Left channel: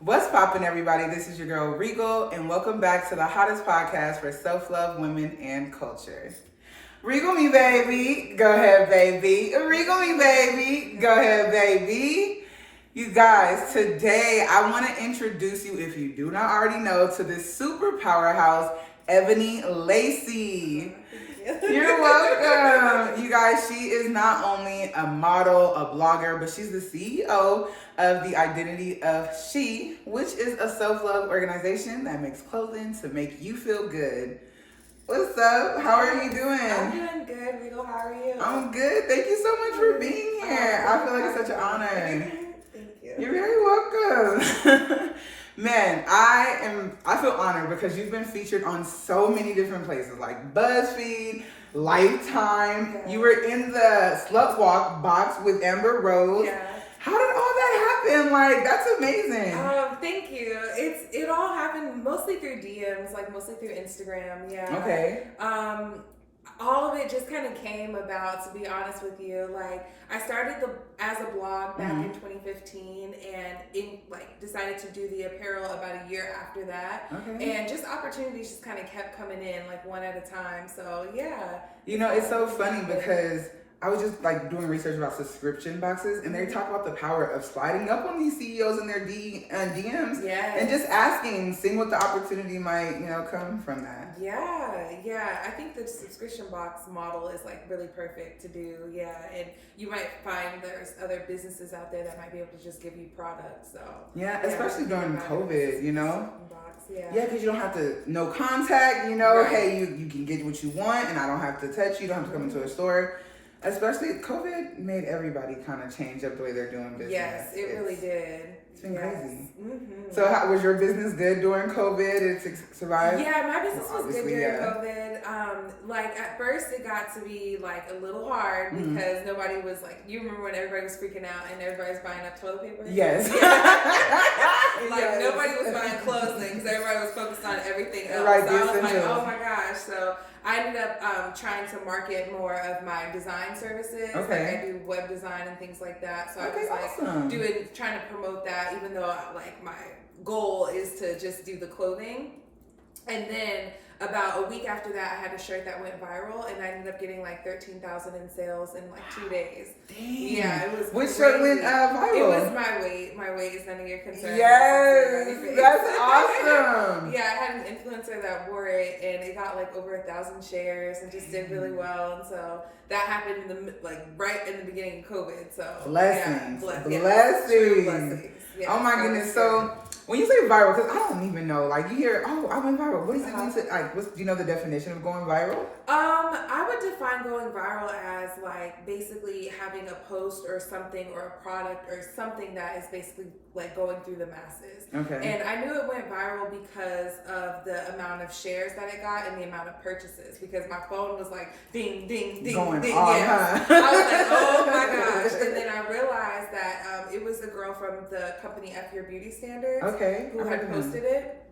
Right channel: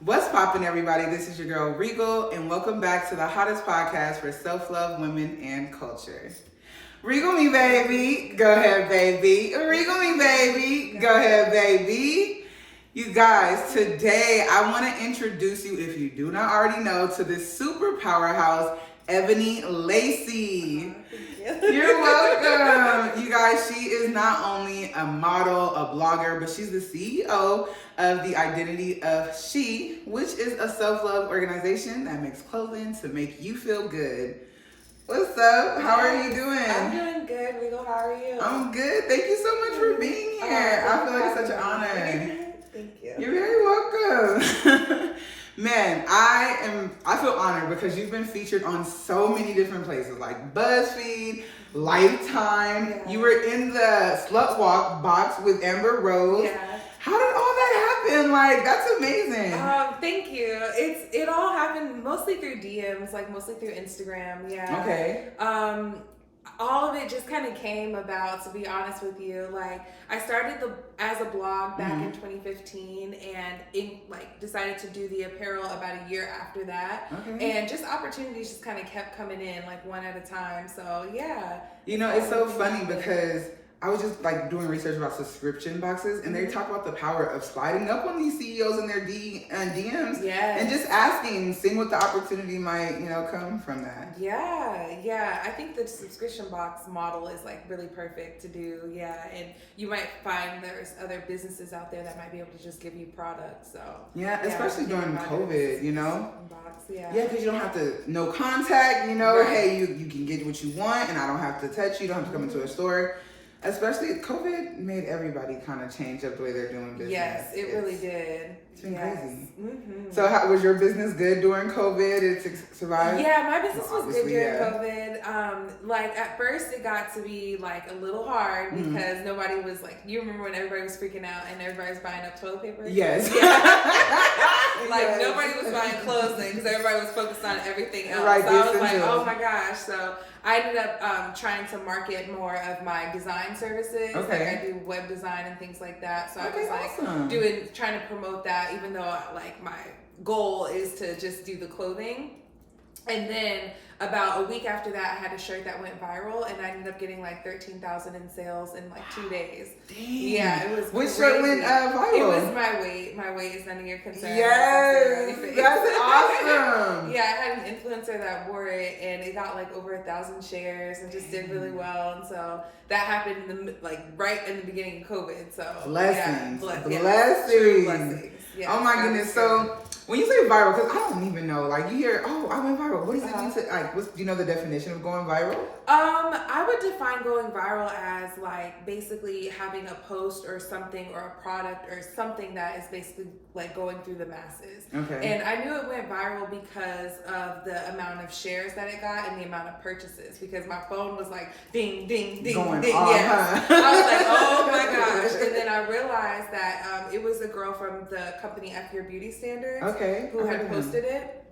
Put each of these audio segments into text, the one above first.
What's poppin', everybody? This is your girl Regal, and welcome back to the hottest podcast for self-love, women, and culture. Regal me, baby. Go ahead, baby. Regal me, baby. Go ahead, baby. You guys, today I want to introduce you, if you do not already know, to this super powerhouse, Eboni Lacey. You're welcome. You guys, she is not only a model, a blogger, but she's the CEO of the Identity of She, which is a self-love organization that makes clothing to make you feel good. What's up? How are you doing? I'm doing good, Regal. How are you? I'm good. Thank you so much for being here. I feel like it's such an honor. Thank you. You're very welcome. Man, I feel honored because you've been featured on so many different places like BuzzFeed, Lifetime. Yeah. You were in the Slut Walk box with Amber Rose. Yeah. How did all that happen? Like, that's amazing. Thank you. It all happened mostly through DMs, like mostly through Instagram. Yeah. Okay. All of it just kind of came about, to be honest with you. Like, I started as a blog back in 2015 and decided to do the apparel about a year after that. Okay. And just opportunities just kind of kept coming in, like one at a time. So yeah. You know, it's so funny because I was just like doing research about subscription boxes, and they talk about the power of sliding up on these CEOs in their DMs, and just asking, seeing what the opportunity might, come from that. Yeah. I think the subscription box model is like really perfect to do. Yeah, and you might find there's other businesses out there that might be able to just give you products. So yeah, especially during COVID, Box, yeah, because you don't have to no contact. Right. Hey, you can get what you want, and I don't have to touch you. Don't have to come into a store. Especially COVID made everybody kind of change up the way they're doing business. Yes, it really did. It's been crazy. Mm-hmm. So how, was your business good during COVID? It survived? Yeah, my business was good during COVID. Like at first it got to be like a little hard because nobody was like, you remember when everybody was freaking out and everybody was buying up toilet paper? Yes. Nobody was buying clothing because everybody was focused on everything else. Right, so I was like, essentials. oh my gosh. So I ended up trying to market more of my design services. Okay. Like I do web design and things like that. So I was awesome. trying to promote that, even though like my goal is to just do the clothing. And then about a week after that, I had a shirt that went viral, and I ended up getting like 13,000 in sales in like 2 days. Dang. Yeah, it was. Which shirt went viral? It was my weight. My weight is none of your concern. Yes, that's awesome. Yeah, I had an influencer that wore it, and it got like over 1,000 shares, and just did really well. And so that happened right in the beginning of COVID. So blessings, blessings. True blessings. Yeah, oh my goodness. So when you say viral, because I don't even know, like you hear, oh, I went viral. What does it mean to, like, do you know the definition of going viral? I would define going viral as like basically having a post or something or a product or something that is basically like going through the masses. Okay. And I knew it went viral because of the amount of shares that it got and the amount of purchases, because my phone was like ding, ding, ding, going ding. off, Yeah. huh? I was like, oh my gosh. And then I realized that it was a girl from the company F Your Beauty Standards. Okay. Who had posted it.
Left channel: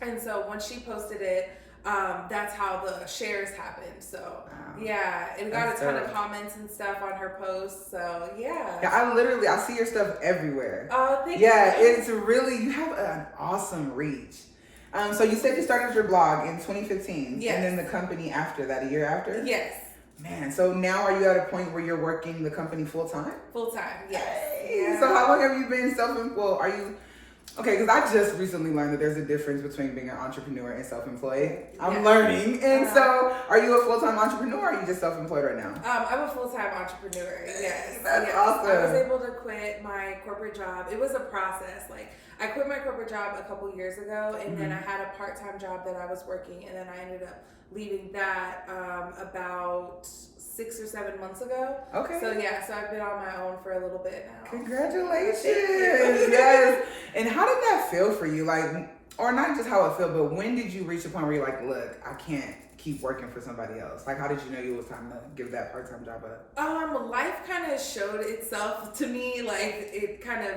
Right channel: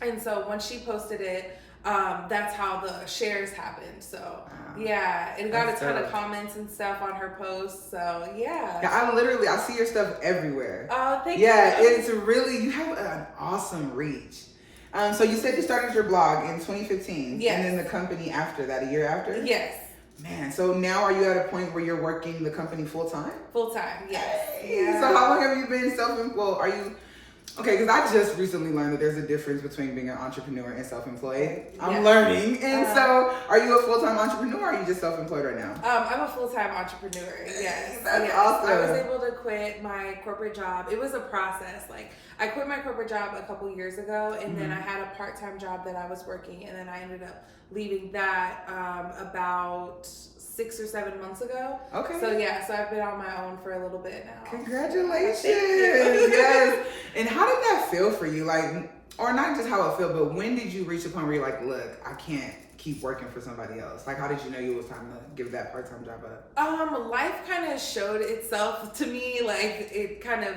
And so once she posted it, that's how the shares happened. So yeah, it got a ton of comments and stuff on her post. So yeah. I see your stuff everywhere. Oh, thank you. Yeah, it's really, you have an awesome reach. So you said you started your blog in 2015. Yes. And then the company after that, a year after? Yes. Man, so now are you at a point where you're working the company full time? Full time, yes. Hey, Yeah. so how long have you been self-employed? Are you okay? Because I just recently learned that there's a difference between being an entrepreneur and self-employed. I'm learning, and so are you a full-time entrepreneur? Or are you just self-employed right now? I'm a full-time entrepreneur. Yes, that's awesome. I was able to quit my corporate job. It was a process. Like I quit my corporate job a couple years ago, and then I had a part-time job that I was working, and then I ended up leaving that about 6 or 7 months ago. Okay. So yeah, so I've been on my own for a little bit now. Congratulations. Yes. And how did that feel for you? Like, or not just how it felt, but when did you reach a point where you're like, look, I can't keep working for somebody else? Like, how did you know it was time to give that part-time job up? Life kind of showed itself to me. Like it kind of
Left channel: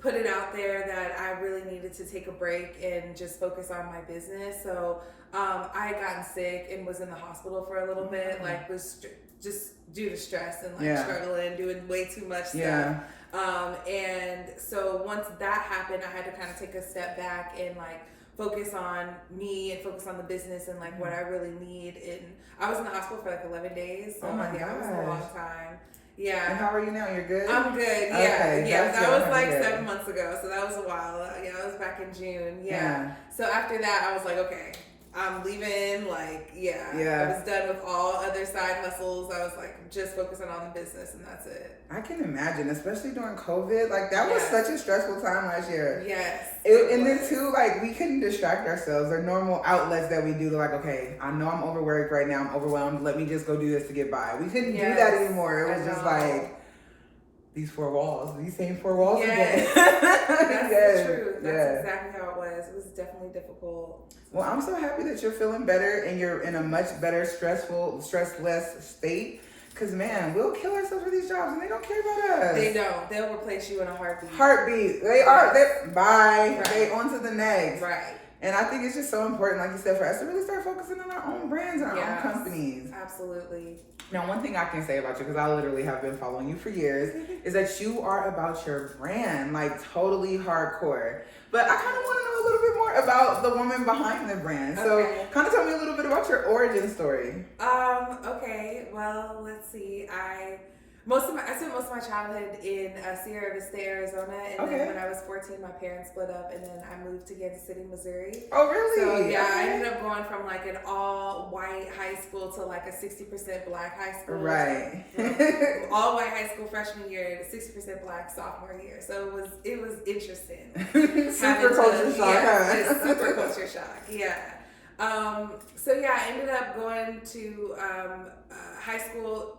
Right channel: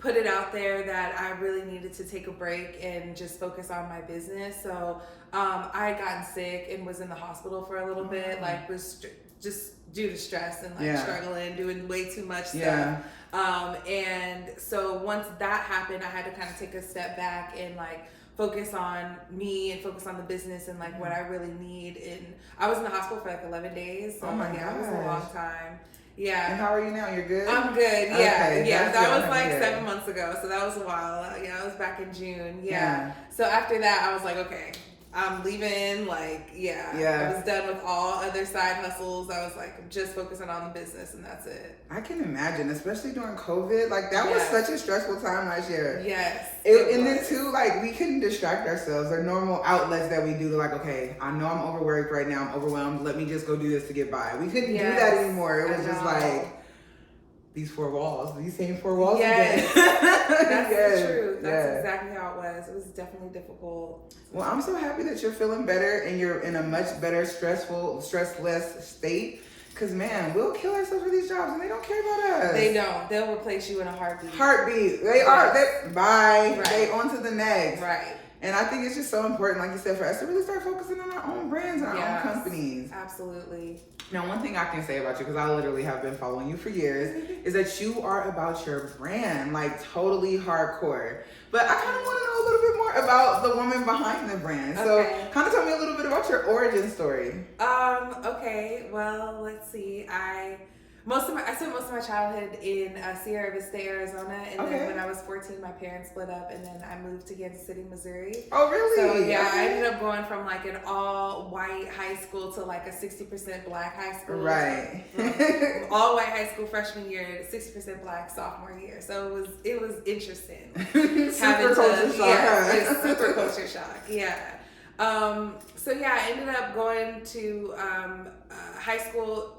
put it out there that I really needed to take a break and just focus on my business. So I had gotten sick and was in the hospital for a little bit, like was just due to stress and like struggling, doing way too much stuff. And so once that happened, I had to kind of take a step back and like focus on me and focus on the business and like what I really need. And I was in the hospital for like 11 days. So oh my gosh. It was a long time. Yeah. And how are you now? You're good? I'm good. Yeah. Okay, yeah. That was like 7 months ago. So that was a while. Yeah. It was back in June. Yeah. So after that, I was like, okay, I'm leaving. Like, I was done with all other side hustles. I was like, just focusing on the business and that's it. I can imagine, especially during COVID. Like, that was such a stressful time last year. Yes. And then too, like, we couldn't distract ourselves. Our normal outlets that we do, like, okay, I know I'm overworked right now. I'm overwhelmed. Let me just go do this to get by. We couldn't do that anymore. It was just like these four walls, these same four walls again. That's the truth. That's exactly how it was. It was definitely difficult. Well, I'm so happy that you're feeling better and you're in a much better stressless state. Because, man, we'll kill ourselves for these jobs and they don't care about us. They don't. They'll replace you in a heartbeat. They are. Bye. Right. They on to the next. Right. And I think it's just so important, like you said, for us to really start focusing on our own brands and our own companies. Absolutely. Now, one thing I can say about you, because I literally have been following you for years, is that you are about your brand, like totally hardcore. But I kind of want to know a little bit more about the woman behind the brand. So kind of tell me a little bit about your origin story. Okay. Well, let's see. I spent most of my childhood in Sierra Vista, Arizona, and then when I was 14, my parents split up, and then I moved to Kansas City, Missouri. Oh, really? So I ended up going from like an all-white high school to like a 60% black high school. Right. From all-white high school freshman year to 60% black sophomore year. So it was interesting. Super culture shock. Super culture shock. Yeah. I ended up going to high school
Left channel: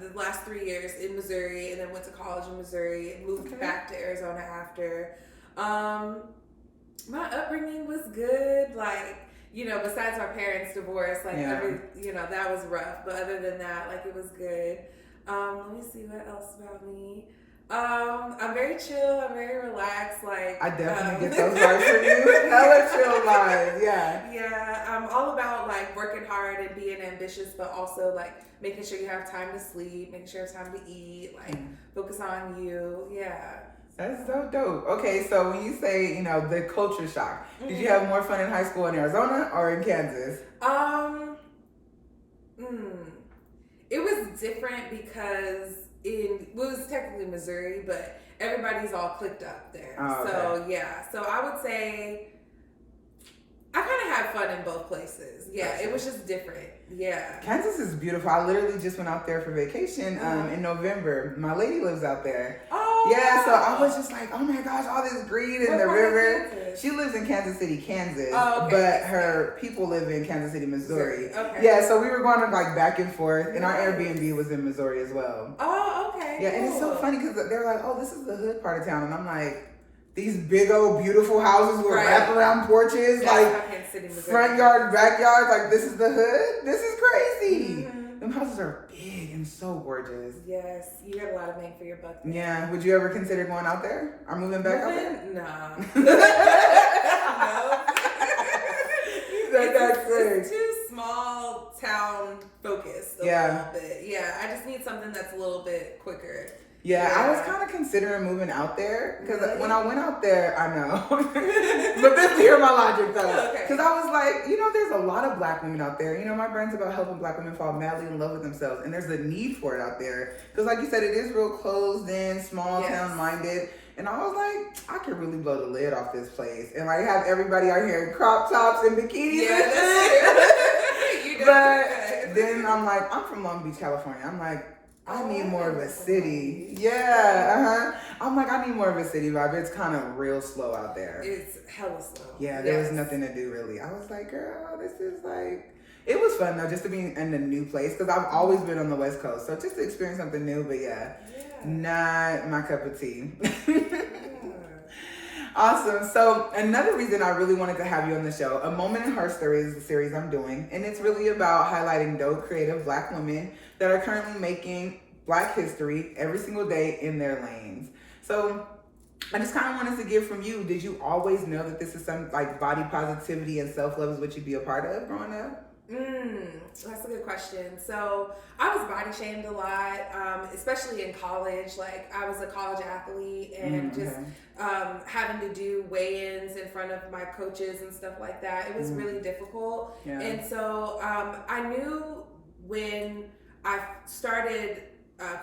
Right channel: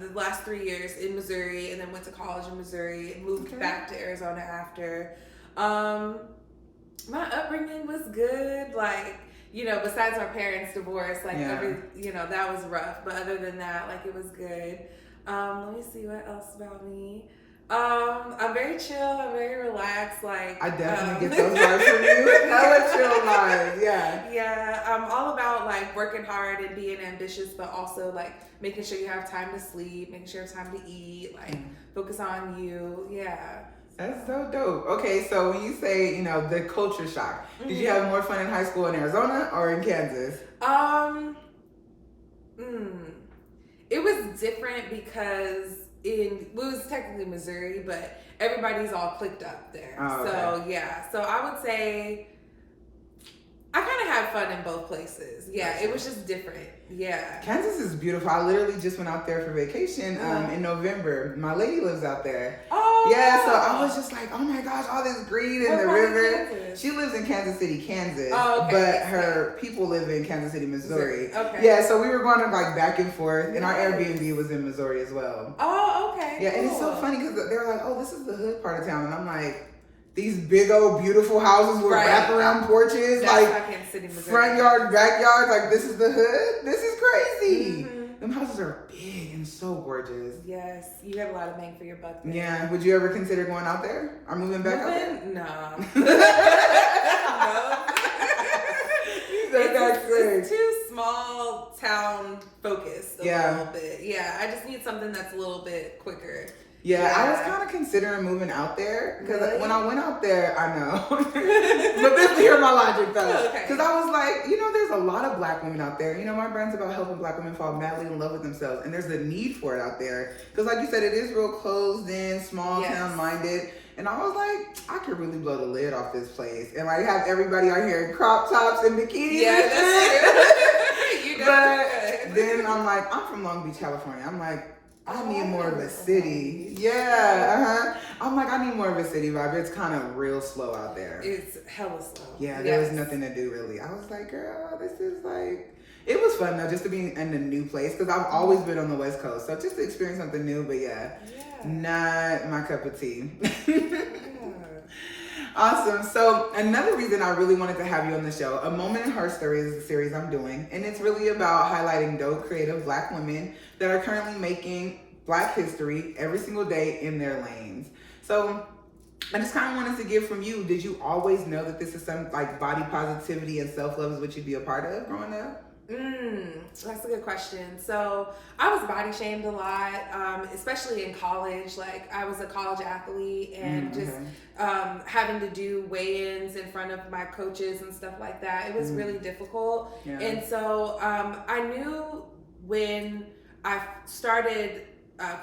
the last 3 years in Missouri, and then went to college in Missouri and moved back to Arizona after. My upbringing was good, like, besides my parents' divorce, like that was rough, but other than that, like, it was good. Let me see what else about me. I'm very chill, I'm very relaxed, like I definitely get those vibes from you. Hella chill vibes, yeah. I'm all about like working hard and being ambitious, but also like making sure you have time to sleep, making sure you have time to eat, like focus on you. That's so dope. Okay, so when you say, the culture shock, did you have more fun in high school in Arizona or in Kansas? It was different because it was technically Missouri, but everybody's all clicked up there. Oh, okay. So I would say I kind of had fun in both places. It was just different. Kansas is beautiful. I literally just went out there for vacation in November. My lady lives out there. Oh, yeah. So I was just like, oh my gosh, all this green in the river. She lives in Kansas City, Kansas, but her people live in Kansas City, Missouri. Okay. Yeah. So we were going to like back and forth, and our Airbnb was in Missouri as well. Oh, okay. Yeah, cool. And it's so funny because they're like, oh, this is the hood part of town, and I'm like, these big old beautiful houses with wraparound porches, front yard, backyard. Like, this is the hood. This is crazy. Them houses are big and so gorgeous. Yes, you have a lot of bang for your buck there. Yeah. Would you ever consider going out there or moving back out there? Nah. No. It's too small town focused a little bit. Yeah, I just need something that's a little bit quicker. Yeah, I was kind of considering moving out there because when I went out there, I know. But then hear my logic though. Because I was like, there's a lot of black women out there. My brand's about helping black women fall madly in love with themselves. And there's a need for it out there. Because like you said, it is real closed in, small town minded. And I was like, I could really blow the lid off this place. And like have everybody out here in crop tops and bikinis and shit. But then I'm like, I'm from Long Beach, California. I'm like, I need more of a city. I'm like, I need more of a city vibe. It's kind of real slow out there. It's hella slow. Yeah, there was nothing to do really. I was like, girl, this is like, it was fun though, just to be in a new place. Because I've always been on the West Coast. So just to experience something new, but not my cup of tea. Awesome. So another reason I really wanted to have you on the show, A Moment in HERstory is the series I'm doing. And it's really about highlighting dope, creative black women that are currently making black history every single day in their lanes. So I just kind of wanted to get from you, did you always know that this is some like body positivity and self-love is what you'd be a part of growing up? That's a good question. So I was body shamed a lot, especially in college. Like I was a college athlete and just having to do weigh-ins in front of my coaches and stuff like that. It was really difficult. Yeah. And so I knew when I started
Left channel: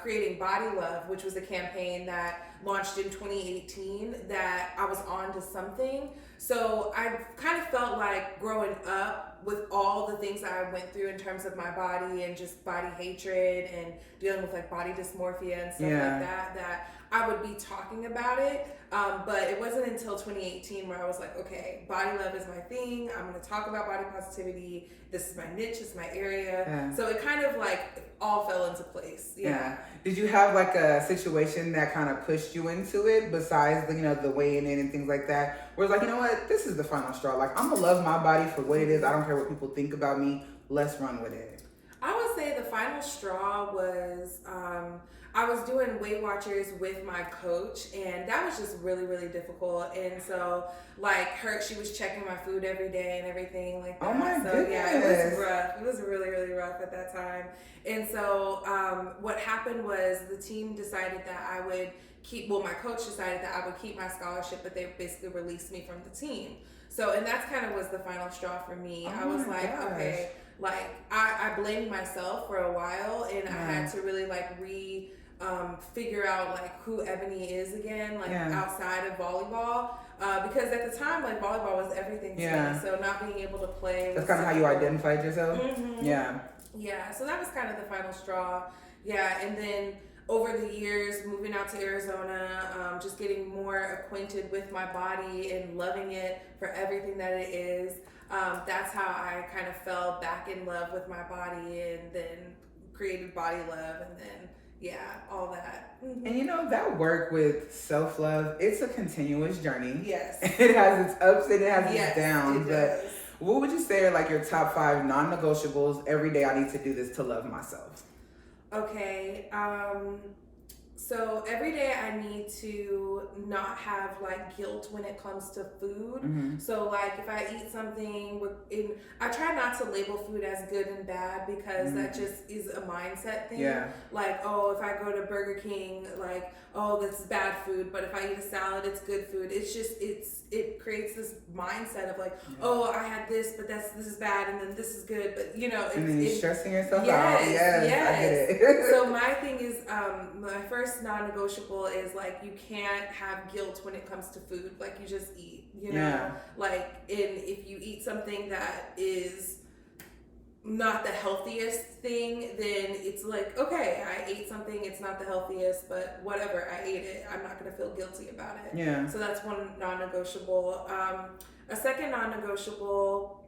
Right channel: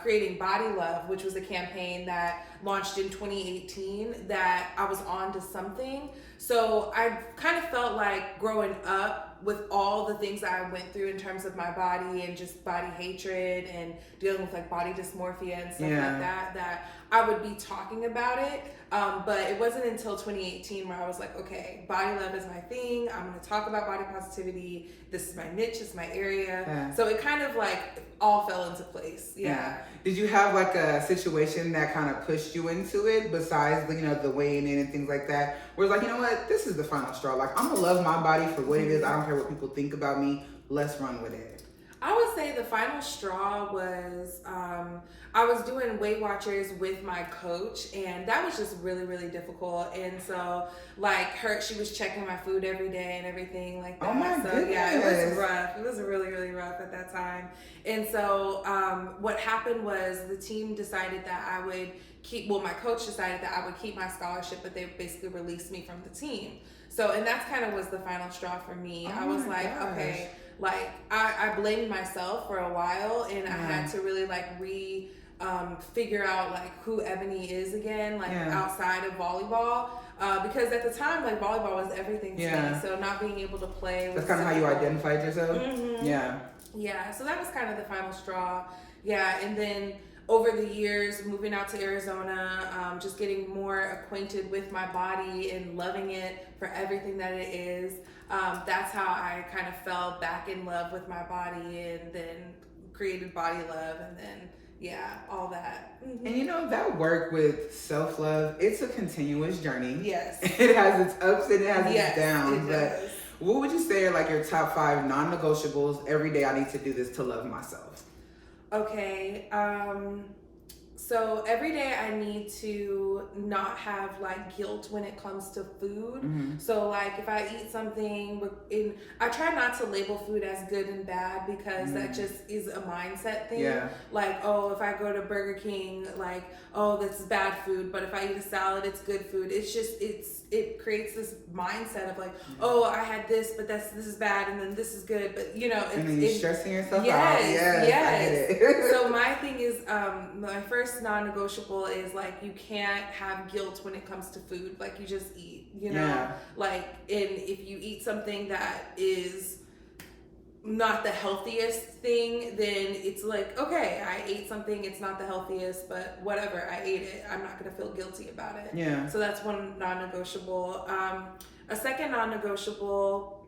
creating Body Love, which was a campaign that launched in 2018, that I was on to something. So I kind of felt like growing up with all the things that I went through in terms of my body and just body hatred and dealing with like body dysmorphia and stuff like that, that I would be talking about it. But it wasn't until 2018 where I was like, okay, body love is my thing. I'm going to talk about body positivity. This is my niche. This is my area. Yeah. So it kind of like all fell into place. Yeah. Did you have like a situation that kind of pushed you into it besides, you know, the weighing in and things like that? Where it's like, you know what, this is the final straw. Like, I'm going to love my body for what it is. I don't care what people think about me. Let's run with it. I would say the final straw was, I was doing Weight Watchers with my coach, and that was just really, really difficult. And so, like, she was checking my food every day and everything like that. Oh my goodness. Yeah, it was rough. It was really, really rough at that time. And so, what happened was the team decided that I would my coach decided that I would keep my scholarship, but they basically released me from the team. So, and that's kind of was the final straw for me. I was like, okay, like I blamed myself for a while, and I had to really like figure out like who Eboni is again, like outside of volleyball, because at the time like volleyball was everything to me. So not being able to play. That's kind of how you identified yourself. Yeah. So that was kind of the final straw. Yeah, and then over the years, moving out to Arizona, just getting more acquainted with my body and loving it for everything that it is. That's how I kind of fell back in love with my body, and then created Body Love, and then all that. And you know, that work with self-love, it's a continuous journey. Yes. It has its ups and it has its downs. But what would you say are like your top 5 non-negotiables? Every day I need to do this to love myself. Okay, so every day I need to not have like guilt when it comes to food. So like if I eat something I try not to label food as good and bad, because that just is a mindset thing. Like, oh, if I go to Burger King, like, oh, this is bad food, but if I eat a salad, it's good food. It's just, it creates this mindset of like, oh, I had this, but this is bad, and then this is good, but you know. And then you're stressing yourself out. Yes, I get it. So my thing is, my first non-negotiable is like, you can't have guilt when it comes to food. Like, you just eat, you know? Like, if you eat something that is not the healthiest thing, then it's like, okay, I ate something, it's not the healthiest, but whatever, I ate it. I'm not going to feel guilty about it. Yeah. So that's one non-negotiable. A second non-negotiable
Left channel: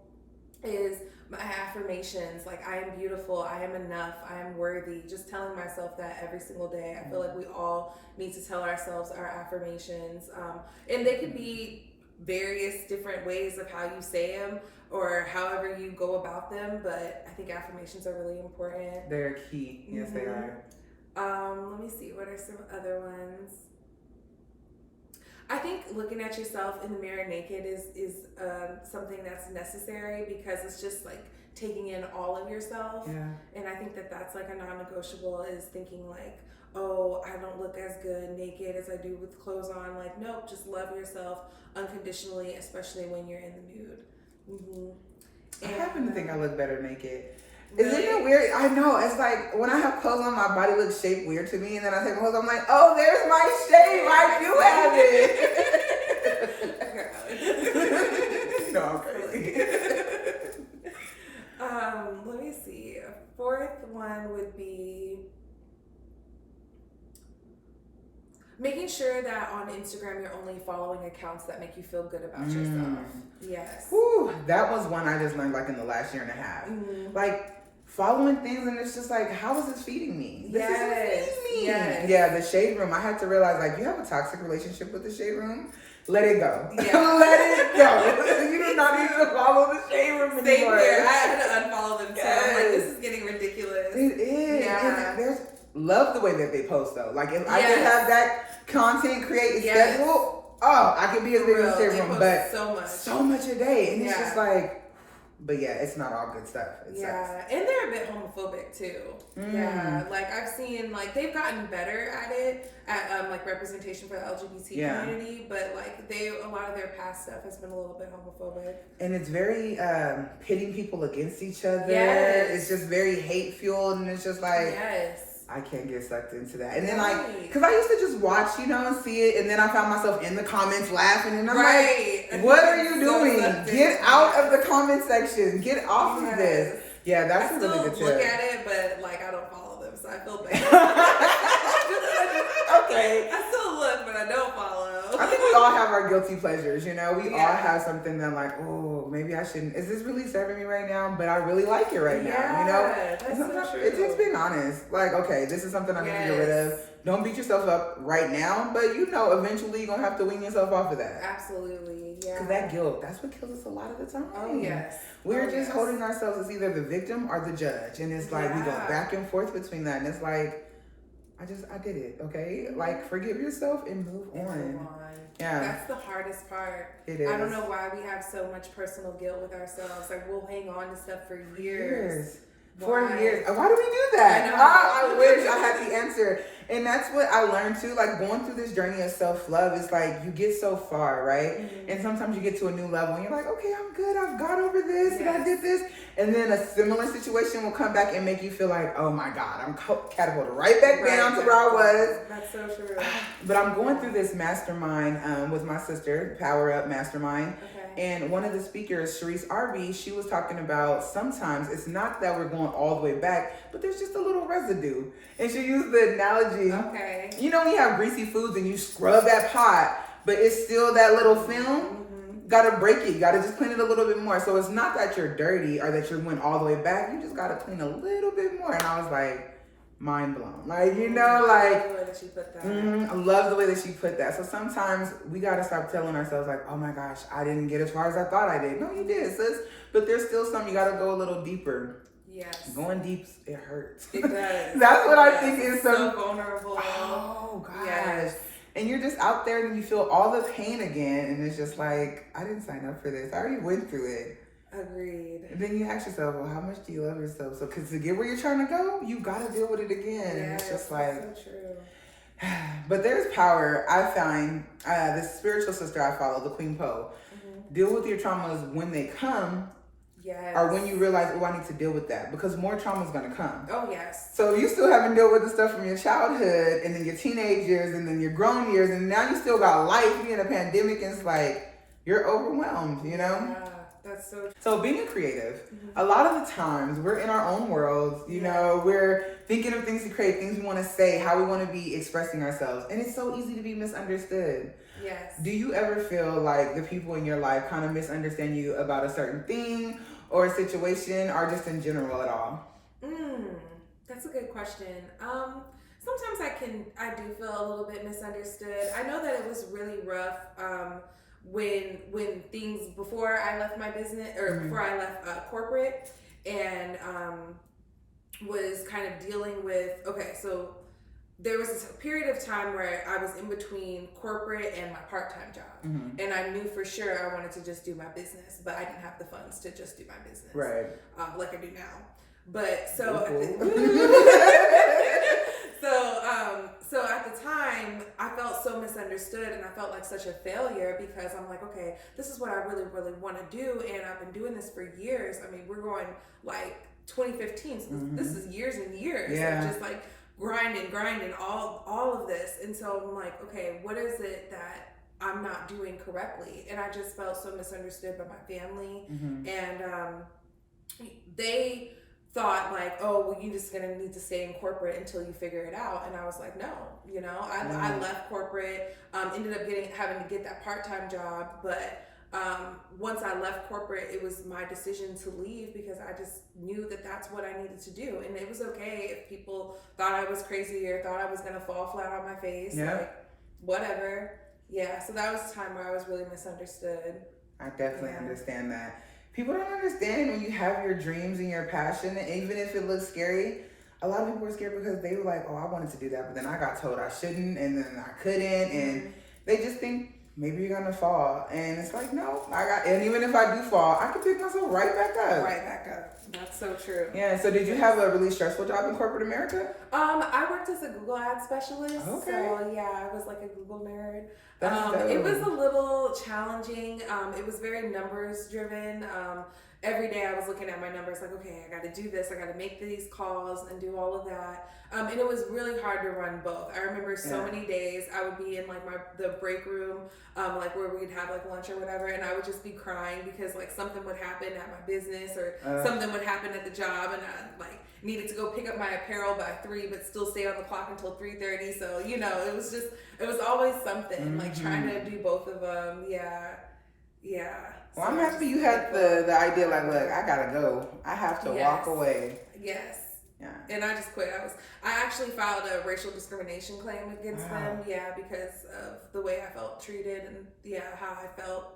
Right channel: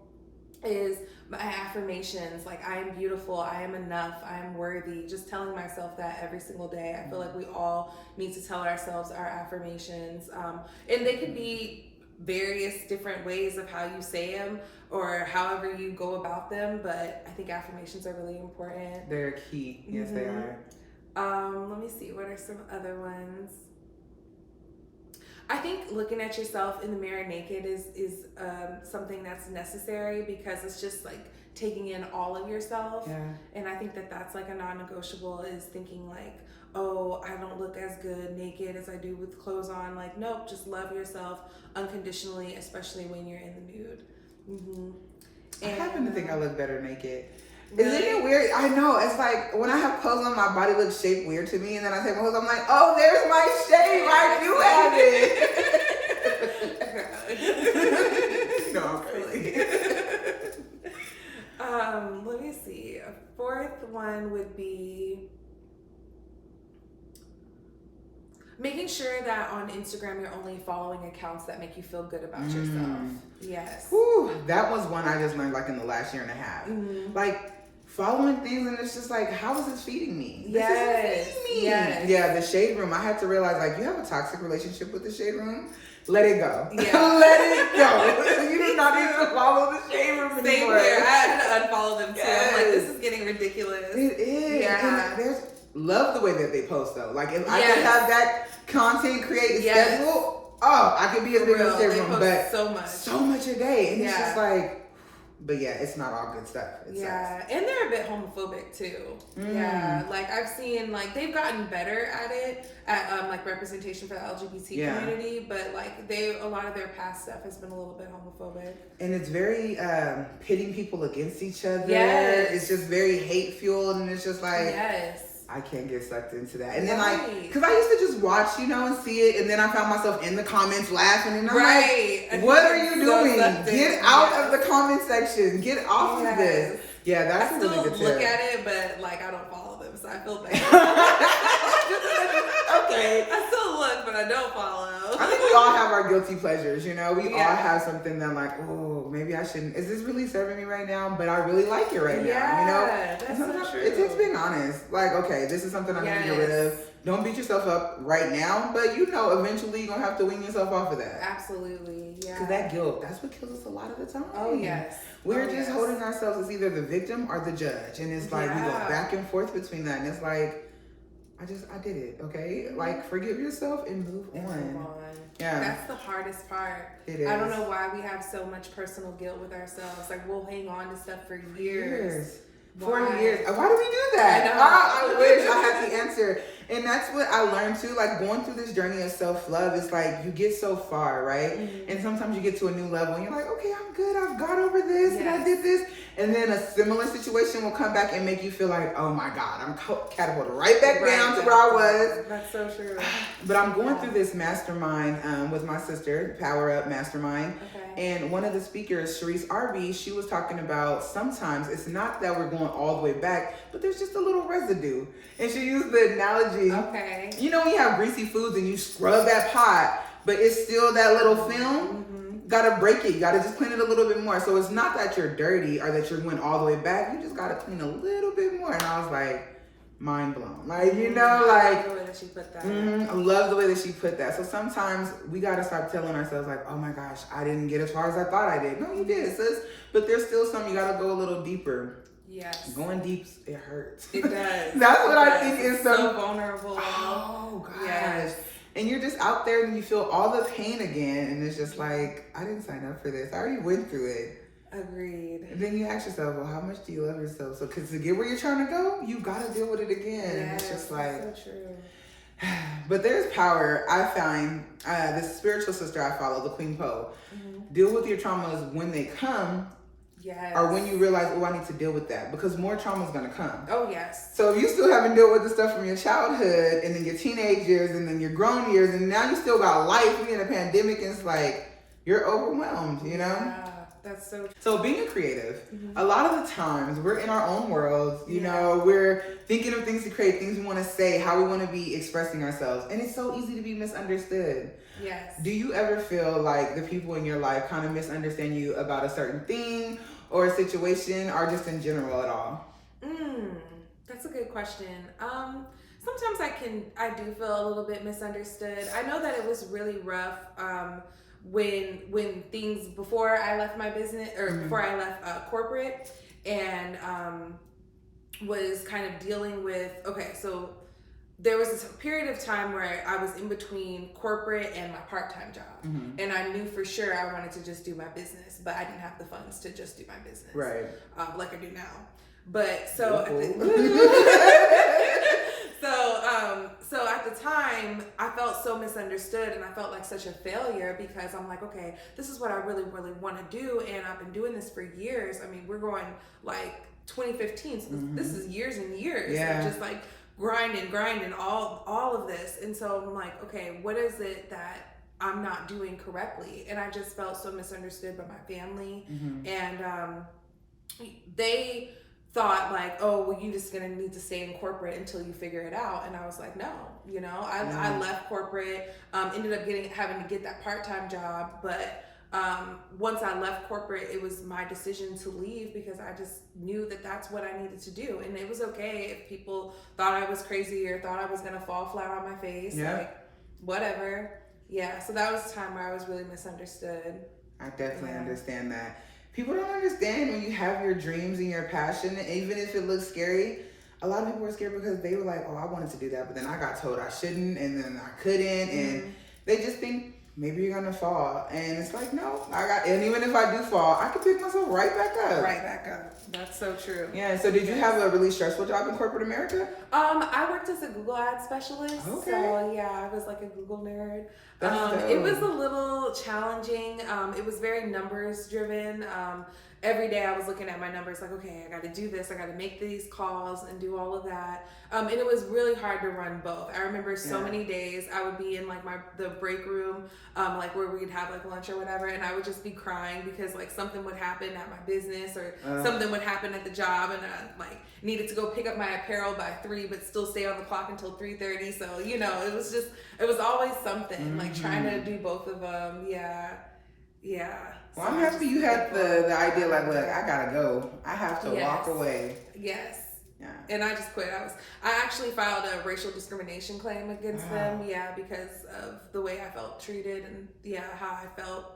is my affirmations. Like, I am beautiful, I am enough, I am worthy. Just telling myself that every single day. I feel like we all need to tell ourselves our affirmations. And they could be various different ways of how you say them or however you go about them, but I think affirmations are really important. They're key. Yes, they are. Let me see, what are some other ones? I think looking at yourself in the mirror naked is something that's necessary, because it's just like taking in all of yourself. And I think that's like a non-negotiable, is thinking like, oh, I don't look as good naked as I do with clothes on. Like, nope, just love yourself unconditionally, especially when you're in the nude. I happen to think I look better naked. Isn't it weird? I know. It's like when I have clothes on, my body looks shaped weird to me, and then I take my clothes, I'm like, oh, there's my shape. I do have it. No, I'm crazy. Let me see. A fourth one would be making sure that on Instagram you're only following accounts that make you feel good about yourself. Yes. Whew, that was one I just learned like in the last year and a half. Like following things, and it's just like, how is this feeding me? This isn't feeding me. Yeah, the shade room. I had to realize, like, you have a toxic relationship with the shade room. Let it go. Let it go. You do not need to follow the shade room anymore. Same here. I had to unfollow them too. I'm like, this is getting ridiculous. It is. And love the way that they post though. Like, if I could have that content created schedule, I could be as big as the shade room. But so much a day, and it's just like, But yeah, it's not all good stuff. It sucks. And they're a bit homophobic too. Yeah, like I've seen, like they've gotten better at it, at like representation for the LGBT community, but like a lot of their past stuff has been a little bit homophobic. And it's very pitting people against each other. Yes. It's just very hate fueled, and it's just like, I can't get sucked into that. And then like, because I used to just watch, and see it, and then I found myself in the comments laughing, and I'm like, what are you doing? Get out of the comment section. Get off of this. Yeah, that's a really good tip. I look at it, but like I don't follow them, so I feel bad. Okay. I still look, but I don't follow. I think we all have our guilty pleasures, We all have something that like, oh, maybe I shouldn't. Is this really serving me right now? But I really like it right now, That's so true. It takes being honest. Like, okay, this is something I need to get rid of. Don't beat yourself up right now, but eventually you're going to have to wean yourself off of that. Absolutely, yeah. Because that guilt, that's what kills us a lot of the time. Oh, yes. We're just holding ourselves as either the victim or the judge. And it's like, we go back and forth between that. And it's like, I did it, okay? Like, forgive yourself and move on. Yeah. That's the hardest part. It is. I don't know why we have so much personal guilt with ourselves. Like, we'll hang on to stuff for years. 40 years. Why do we do that? I wish I had the answer. And that's what I learned too. Like going through this journey of self-love is like you get so far, right? Mm-hmm. And sometimes you get to a new level and you're like, okay, I'm good. I've got over this and I did this. And then a similar situation will come back and make you feel like, oh my God, I'm catapulted right back down to where I was. That's so true. But I'm going through this mastermind with my sister, Power Up Mastermind. Okay. And one of the speakers, HERstory, she was talking about sometimes it's not that we're going all the way back, but there's just a little residue. And she used the analogy. Okay. When you have greasy foods and you scrub that pot, but it's still that little film. Mm-hmm. Gotta break it. You gotta just clean it a little bit more. So it's not that you're dirty or that you went all the way back. You just gotta clean a little bit more. And I was like, mind blown. Like, I love the way that she put that. I love the way that she put that. So sometimes we gotta stop telling ourselves like, oh my gosh, I didn't get as far as I thought I did. No, you did, sis. But there's still some, you gotta go a little deeper. Yes. Going deep, it hurts. It does. That's what I think is so vulnerable. Oh gosh. Yes. And you're just out there and you feel all the pain again. And it's just like, I didn't sign up for this. I already went through it. Agreed. And then you ask yourself, well, how much do you love yourself? So, because to get where you're trying to go, you got to deal with it again. And it's just like, so true. But there's power. I find this spiritual sister I follow, the Queen Poe, deal with your traumas when they come. Yes. Or when you realize, oh, I need to deal with that because more trauma is going to come. Oh, yes. So if you still haven't dealt with the stuff from your childhood and then your teenage years and then your grown years and now you still got life, you're in a pandemic and it's like, you're overwhelmed, Yeah, that's so true. So being a creative, a lot of the times we're in our own worlds, we're thinking of things to create, things we want to say, how we want to be expressing ourselves. And it's so easy to be misunderstood. Yes. Do you ever feel like the people in your life kind of misunderstand you about a certain thing or a situation or just in general at all? That's a good question. Sometimes I do feel a little bit misunderstood. I know that it was really rough when things, before I left my business or before I left corporate and was kind of dealing with, so there was this period of time where I was in between corporate and my part-time job. And I knew for sure I wanted to just do my business, but I didn't have the funds to just do my business. Right. Like I do now. But so so at the time I felt so misunderstood and I felt like such a failure because I'm like, okay, this is what I really, really want to do. And I've been doing this for years. I mean, we're going like 2015. So this is years and years of just like grinding all of this. And so I'm like, okay, what is it that I'm not doing correctly? And I just felt so misunderstood by my family. And they thought like, oh, well, you're just gonna need to stay in corporate until you figure it out. And I was like, no, I left corporate, ended up having to get that part-time job, but once I left corporate, it was my decision to leave because I just knew that that's what I needed to do. And it was okay if people thought I was crazy or thought I was gonna fall flat on my face, like whatever. Yeah, so that was a time where I was really misunderstood. I definitely understand that. People don't understand when you have your dreams and your passion, and even if it looks scary, a lot of people are scared because they were like, oh, I wanted to do that, but then I got told I shouldn't, and then I couldn't, and they just think maybe you're gonna fall. And it's like, no, and even if I do fall, I can pick myself right back up. Right back up. That's so true. Yeah, so did you have a really stressful job in corporate America? I worked as a Google ad specialist. Okay. So yeah, I was like a Google nerd. That's dope. It was a little challenging. It was very numbers driven. Every day I was looking at my numbers like, okay, I got to do this. I got to make these calls and do all of that. And it was really hard to run both. I remember so many days I would be in like the break room, like where we'd have like lunch or whatever. And I would just be crying because like something would happen at my business or something would happen at the job. And I like needed to go pick up my apparel by 3, but still stay on the clock until 3:30. So, you know, it was always something like trying to do both of them. Yeah. Well, I'm happy you had the idea like, look, I gotta go. I have to walk away. Yes. Yeah. And I just quit. I actually filed a racial discrimination claim against them. Yeah, because of the way I felt treated and how I felt.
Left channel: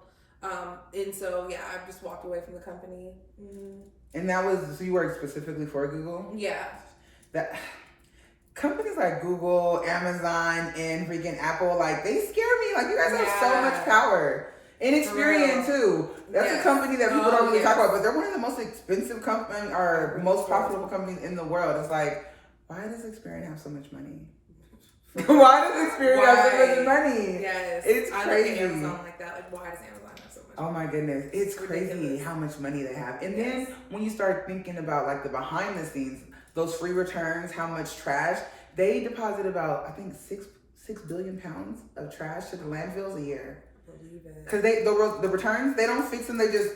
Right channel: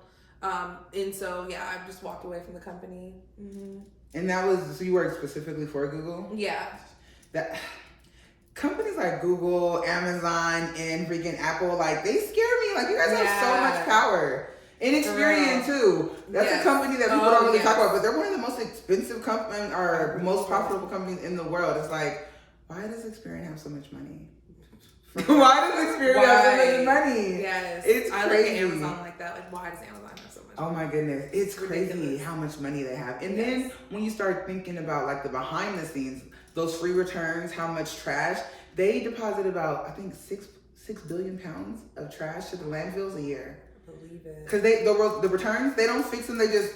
And so I just walked away from the company. Mm-hmm. And that was so you worked specifically for Google? Yeah. That companies like Google, Amazon, and freaking Apple, like they scare me. Like you guys have so much power. And Experian too. That's a company that people don't really talk about, but they're one of the most expensive companies or most profitable companies in the world. It's like, why does Experian have so much money? Why does Experian have so much money? Yes, it's I crazy. Look at Amazon like that. Like, why does Amazon have so much money? Oh my goodness, it's crazy how much money they have. And then when you start thinking about like the behind the scenes, those free returns, how much trash they deposit about, I think 6 billion pounds of trash to the landfills a year. Because the returns, they don't fix them, they just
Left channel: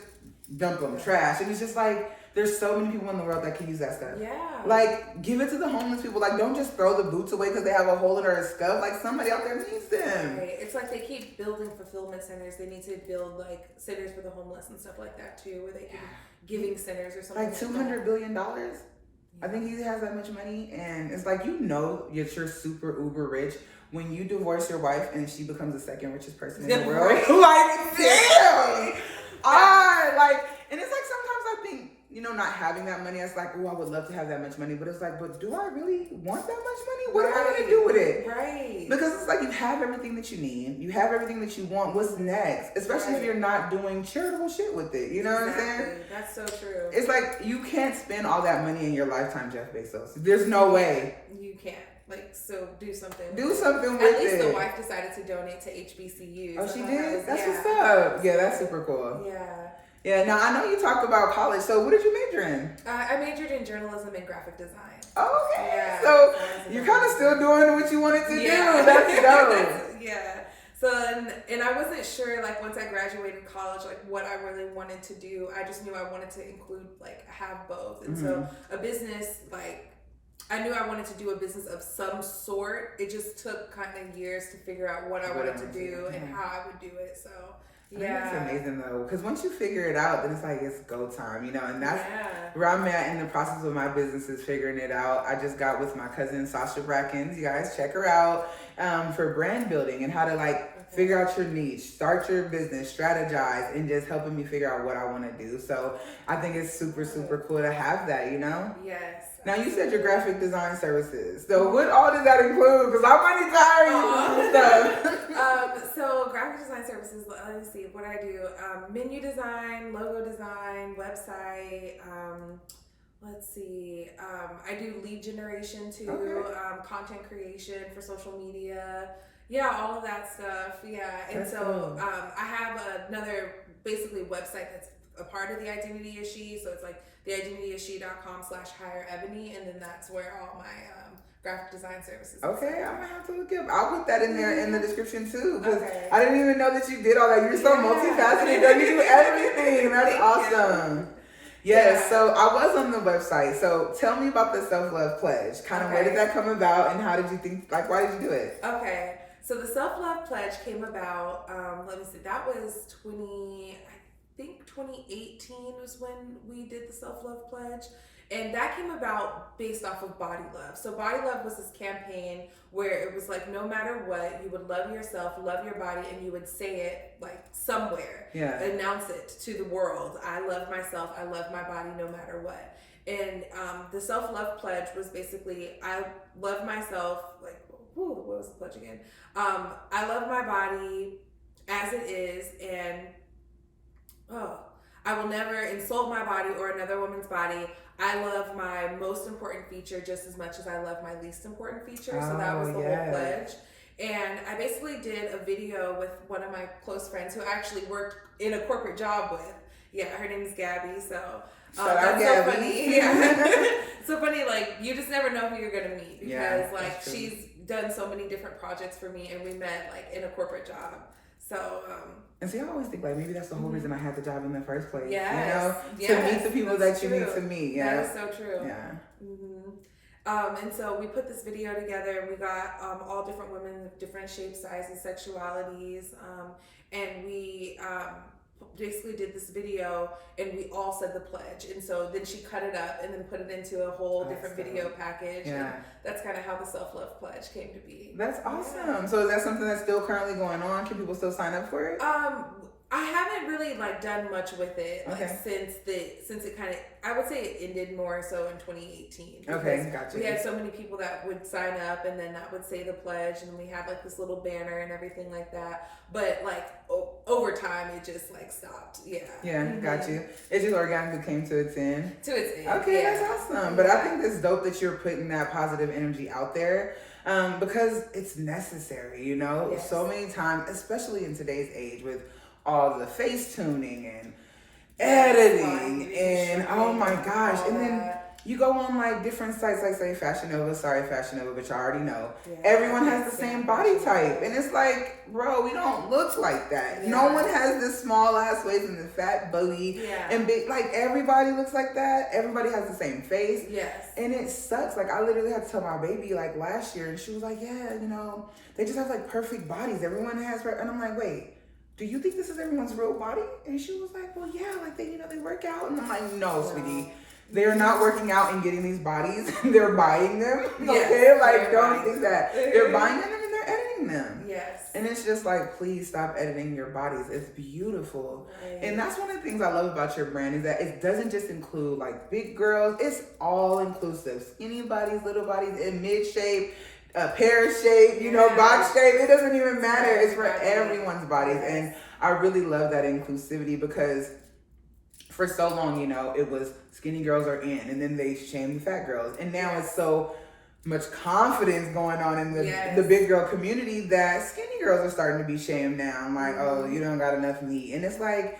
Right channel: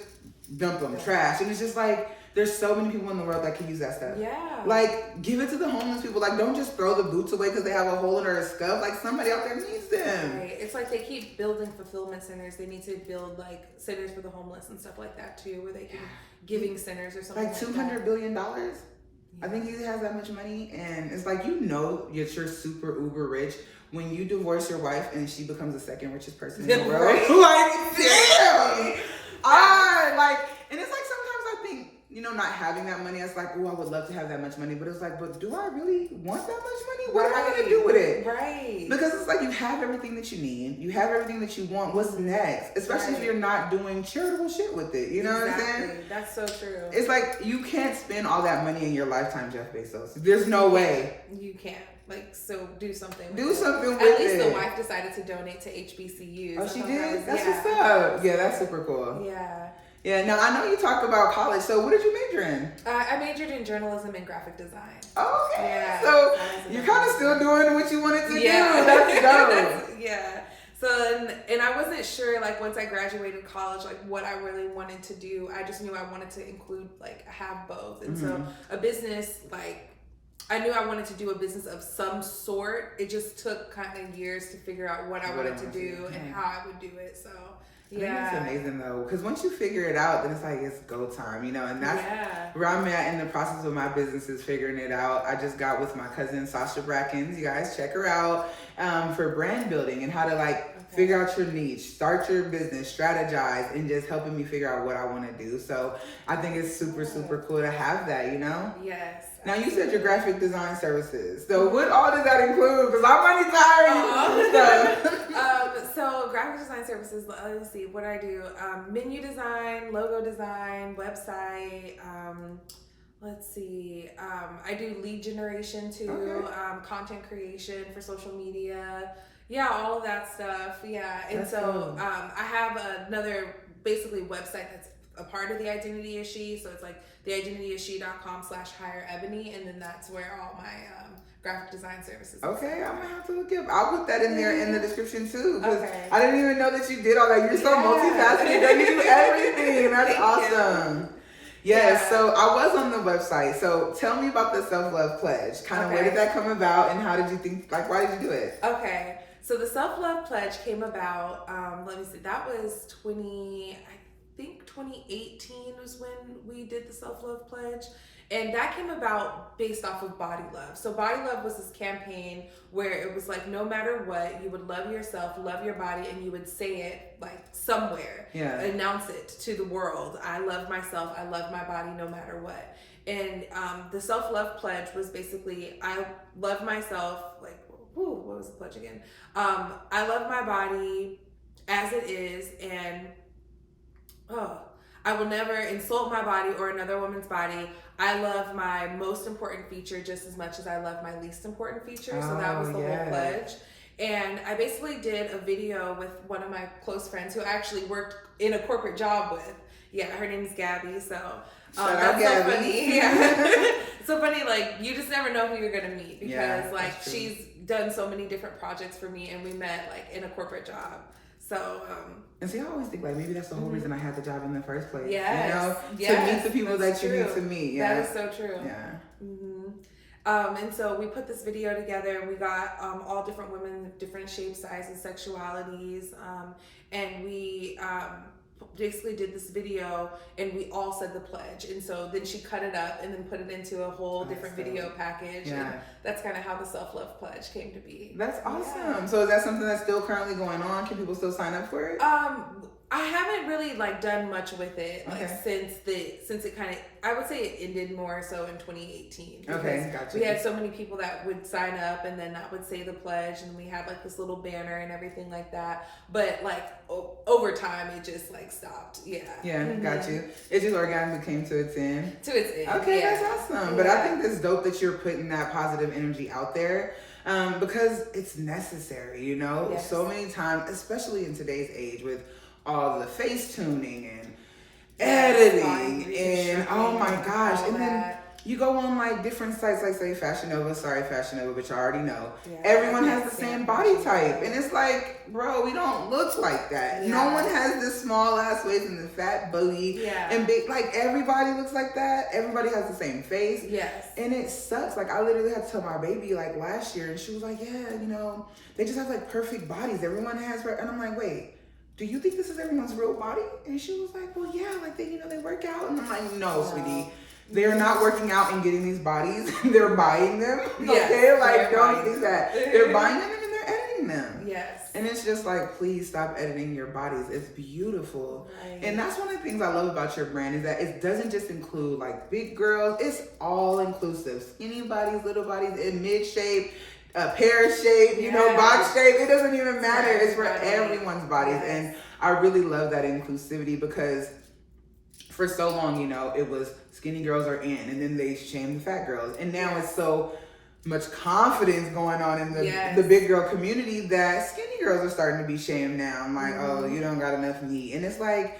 dump them, trash. And it's just like, there's so many people in the world that can use that stuff. Yeah. Like, give it to the homeless people. Like, don't just throw the boots away because they have a hole in their scuff. Like, somebody out there needs them. Right. It's like they keep building fulfillment centers. They need to build, like, centers for the homeless and stuff like that, too, where they can giving centers or something like $200 billion? I think he has that much money. And it's like, you know, you're super uber rich when you divorce your wife and she becomes the second richest person in the world. Like, damn! And it's like sometimes I think, you know, not having that money, it's like, oh, I would love to have that much money. But it's like, but do I really want that much money? What am I going to do with it? Right. Because it's like you have everything that you need. You have everything that you want. What's next? Especially if you're not doing charitable shit with it. You know what I'm saying? That's so true. It's like you can't spend all that money in your lifetime, Jeff Bezos. There's no way. You can't. Like, so do something. Do something with it. At least it. the wife decided to donate to HBCUs. Oh, she did? That's what's up. Yeah, that's super cool. Yeah. Yeah, now I know you talk about college, so what did you major in? I majored in journalism and graphic design. Oh, okay. Yeah, so you're kind of still doing what you wanted to do. That's dope. Yeah. So, and I wasn't sure, like, once I graduated college, like, what I really wanted to do. I just knew I wanted to include, like, have both. And so a business, like, I knew I wanted to do a business of some sort. It just took kind of years to figure out what I wanted to do and how I would do it. So, I think it's amazing though, because once you figure it out, then it's like it's go time, you know. And that's where I'm at in the process of my business, is figuring it out. I just got with my cousin Sasha Brackens. You guys check her out for brand building and how to figure out your niche, start your business, strategize, and just helping me figure out what I want to do. So I think it's super cool to have that, you know. Yes. Now, you said your graphic design services. So what all does that include? Because I might need to hire you for stuff. So graphic design services, let me see what I do. Menu design, logo design, website. Let's see. I do lead generation too. Content creation for social media. Yeah, all of that stuff. Yeah. And that's so cool. I have another basically website that's a part of the Identity Is She. So it's like theidentityisshe.com/hire Eboni, and then that's where all my graphic design services. Okay, I'm gonna have to look up. I'll put that in there in the description too, because I didn't even know that you did all that. You're so multifaceted. Girl. You do everything. That's awesome. Yes, so I was on the website. So tell me about the self-love pledge. Kind of where did that come about, and how did you think? Like, why did you do it? Okay, so the self-love pledge came about. Let me see. That was 2018 was when we did the self-love pledge. And that came about based off of Body Love. So Body Love was this campaign where it was like, no matter what, you would love yourself, love your body, and you would say it like somewhere. Yeah. Announce it to the world. I love myself. I love my body no matter what. And the self-love pledge was basically, I love myself. Like, what was the pledge again? I love my body. as it is, and I will never insult my body or another woman's body. I love my most important feature just as much as I love my least important feature. So that was the whole pledge. And I basically did a video with one of my close friends who I actually worked in a corporate job with. Yeah, her name is Gabby. So that's Gabby. so funny. Yeah. So funny, like you just never know who you're gonna meet because like she's done so many different projects for me, and we met like in a corporate job. So and see, I always think like maybe that's the whole reason I had the job in the first place. Yes. You know, to meet the people that you need to meet. Yeah, that is so true. Yeah. And so we put this video together, and we got all different women of different shapes, sizes, sexualities, and we basically did this video, and we all said the pledge. And so then she cut it up and then put it into a whole different video package. Yeah. And that's kind of how the self-love pledge came to be. That's awesome. So is that something that's still currently going on? Can people still sign up for it? I haven't really like done much with it since it kind of, I would say it ended more so in 2018. Okay, gotcha. We had so many people that would sign up and then that would say the pledge, and we had like this little banner and everything like that. But like over time, it just like stopped. Yeah. Yeah, got you. It just organically came to its end. Okay, that's awesome. But I think it's dope that you're putting that positive energy out there. Because it's necessary, you know. Yes. So many times, especially in today's age with all the face tuning and editing and oh my gosh, and then you go on like different sites like say Fashion Nova, but you already know everyone has the same body type, and it's like, bro, we don't look like that. No one has this small ass waist and the fat booty and big, like everybody looks like that. Everybody has the same face. Yes. And it sucks. Like I literally had to tell my baby like last year, and she was like, yeah, you know, they just have like perfect bodies. Everyone has, and I'm like, wait, do you think this is everyone's real body? And she was like, well, yeah, like they, you know, they work out. And I'm like, no, sweetie, they're not working out and getting these bodies. They're buying them. Okay, like don't think that. They're buying them and they're editing them. Yes. And it's just like, please stop editing your bodies. It's beautiful. And that's one of the things I love about your brand is that it doesn't just include like big girls. It's all inclusive. Skinny bodies, little bodies, in mid shape, pear shape, you know, box shape. It doesn't even matter. It's for everyone's bodies. And I really love that inclusivity because for so long, you know, it was skinny girls are in, and then they shamed the fat girls. And now it's so much confidence going on in the big girl community that skinny girls are starting to be shamed now. I'm like, oh, you don't got enough meat. And it's like,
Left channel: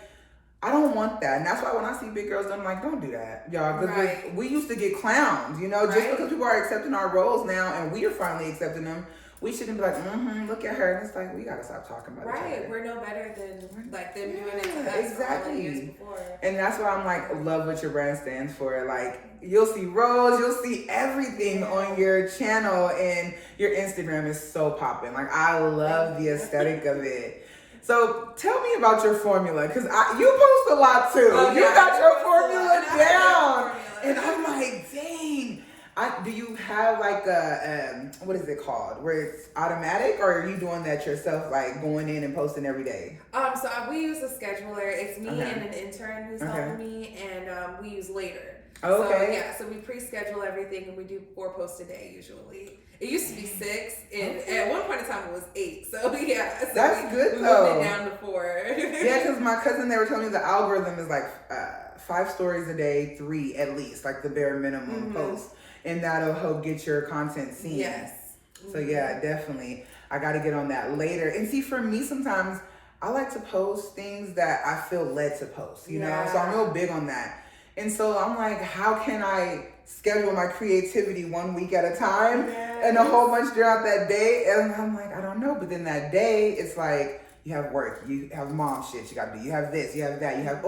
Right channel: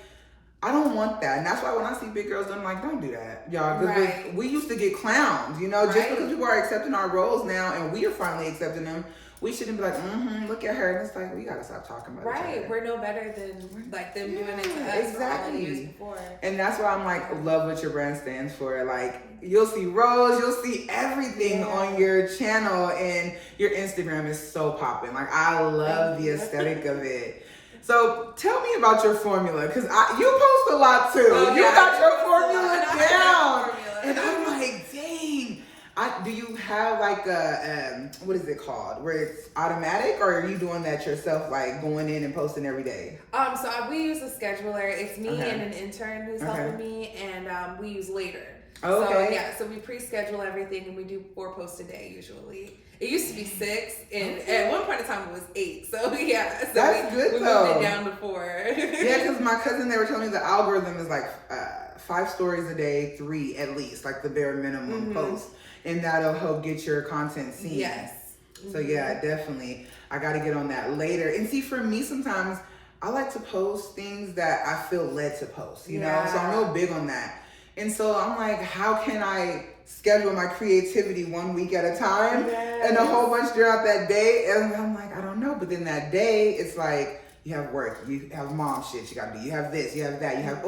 I don't want that. And that's why when I see big girls, I'm like, don't do that, y'all. Because we used to get clowns, you know, just because people are accepting our roles now and we are finally accepting them, we shouldn't be like, look at her. And it's like, we got to stop talking about each other. We're no better than like them doing it to us exactly. all the years before. And that's why I'm like, love what your brand stands for. Like, you'll see roles, you'll see everything on your channel, and your Instagram is so popping. Like, I love the aesthetic of it. So tell me about your formula, because you post a lot too. You got your formula down. And I'm like, dang. Do you have like a, what is it called? Where it's automatic, or are you doing that yourself, like going in and posting every day? So we use a scheduler. It's me and an intern who's helping me, and we use Later. So we pre-schedule everything, and we do 4 posts a day usually. It used to be 6, and at one point in time it was 8. So so that's good though. We moved it down to 4. Because my cousin, they were telling me the algorithm is like 5 stories a day, 3 at least, like the bare minimum post, and that'll help get your content seen. Yes. So yeah, definitely, I got to get on that Later. And see, for me, sometimes I like to post things that I feel led to post. You know, so I'm real big on that. And so I'm like, how can I schedule my creativity 1 week at a time and a whole bunch throughout that day? And I'm like, I don't know. But then that day, it's like, you have work, you have mom shit you got to do, you have this, you have that, you have,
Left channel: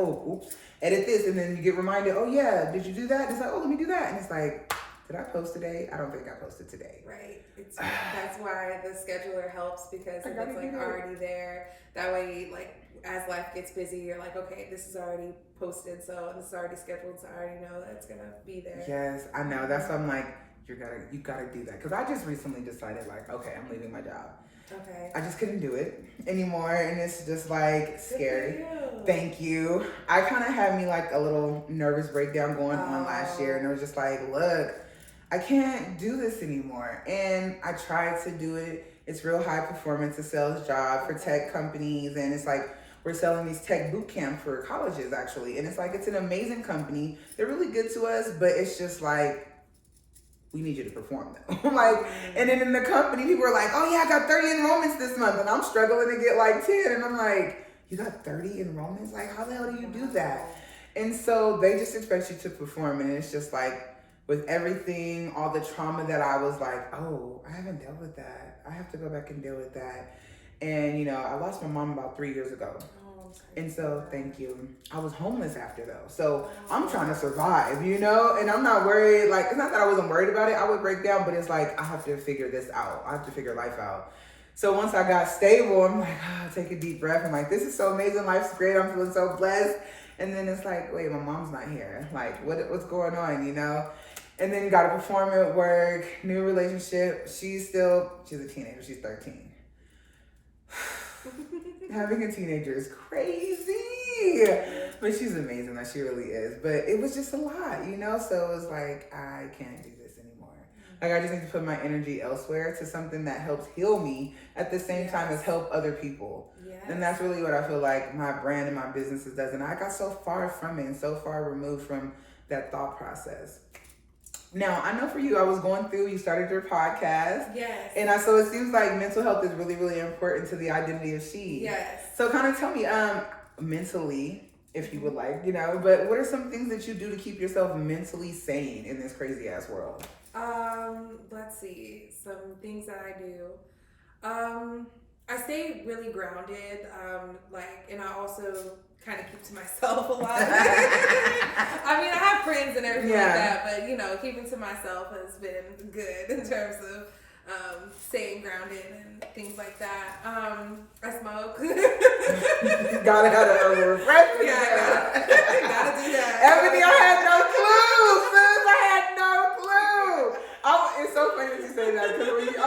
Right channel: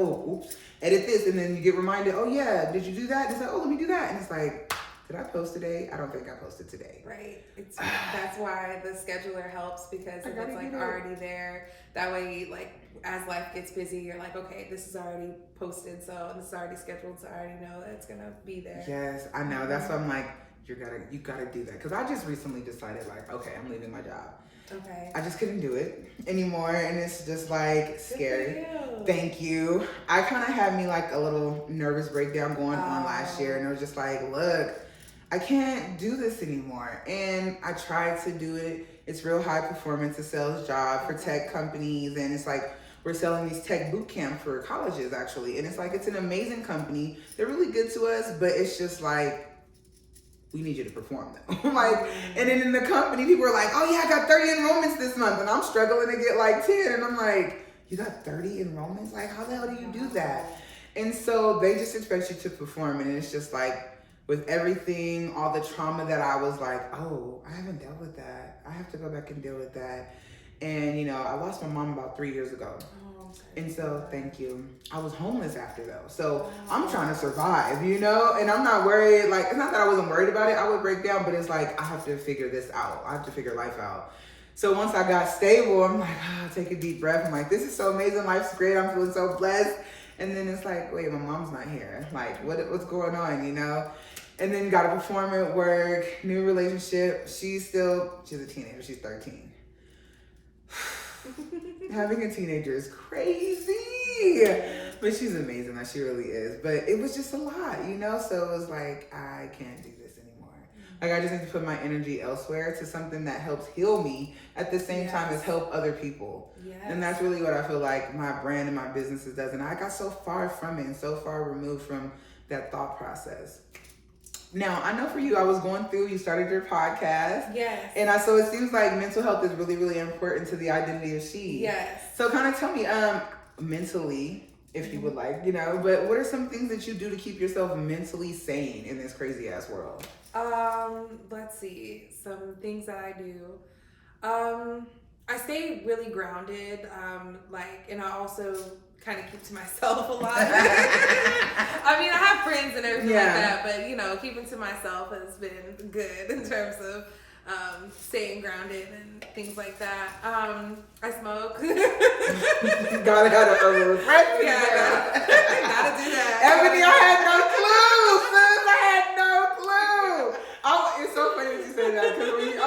edit this. And then you get reminded, oh yeah, did you do that? And it's like, oh, let me do that. And it's like, did I post today? I don't think I posted today. Right. That's why the scheduler helps, because if it's like already there, that way, like, as life gets busy, you're like, okay, this is already posted, so this is already scheduled, so I already know that it's gonna be there. Yes, I know. That's why I'm like, you gotta do that. Because I just recently decided, like, okay, I'm leaving my job. Okay. I just couldn't do it anymore, and it's just like scary. Thank you. I kind of had me like a little nervous breakdown going on last year, and it was just like, look, I can't do this anymore. And I tried to do it It's real high performance, a sales job for tech companies. And it's like, we're selling these tech boot camp for colleges actually. And it's like, it's an amazing company. They're really good to us, but it's just like, we need you to perform though. Like, and then in the company, people are like, oh yeah, I got 30 enrollments this month. And I'm struggling to get like 10. And I'm like, you got 30 enrollments? Like, how the hell do you do that? And so they just expect you to perform. And it's just like, with everything, all the trauma that I was like, oh, I haven't dealt with that. I have to go back and deal with that. And, you know, I lost my mom about 3 years ago. And so, thank you. I was homeless after though. So I'm trying to survive, you know, and I'm not worried. Like, it's not that I wasn't worried about it. I would break down, but it's like, I have to figure this out. I have to figure life out. So once I got stable, I'm like, take a deep breath. I'm like, this is so amazing. Life's great. I'm feeling so blessed. And then it's like, wait, my mom's not here. Like, what's going on, you know? And then got to perform at work, new relationship. She's a teenager. She's 13. Having a teenager is crazy. But she's amazing. Like, she really is. But it was just a lot, you know? So it was like, I can't do this anymore. Like, I just need to put my energy elsewhere to something that helps heal me at the same time as help other people. Yes. And that's really what I feel like my brand and my businesses does. And I got so far from it and so far removed from that thought process. Now, I know for you, I was going through, you started your podcast. Yes. And so it seems like mental health is really, really important to the identity of she. Yes. So kind of tell me, mentally, if you would like, you know, but what are some things that you do to keep yourself mentally sane in this crazy ass world? Let's see, some things that I do. I stay really grounded, and I also kind of keep to myself a lot. I mean, I have friends and everything like that, but, you know, keeping to myself has been good in terms of staying grounded and things like that. I smoke. gotta refresh me. Gotta do that. Ebony, I had no clue, sis. I had no clue. It's so funny that you say that, because I was like, I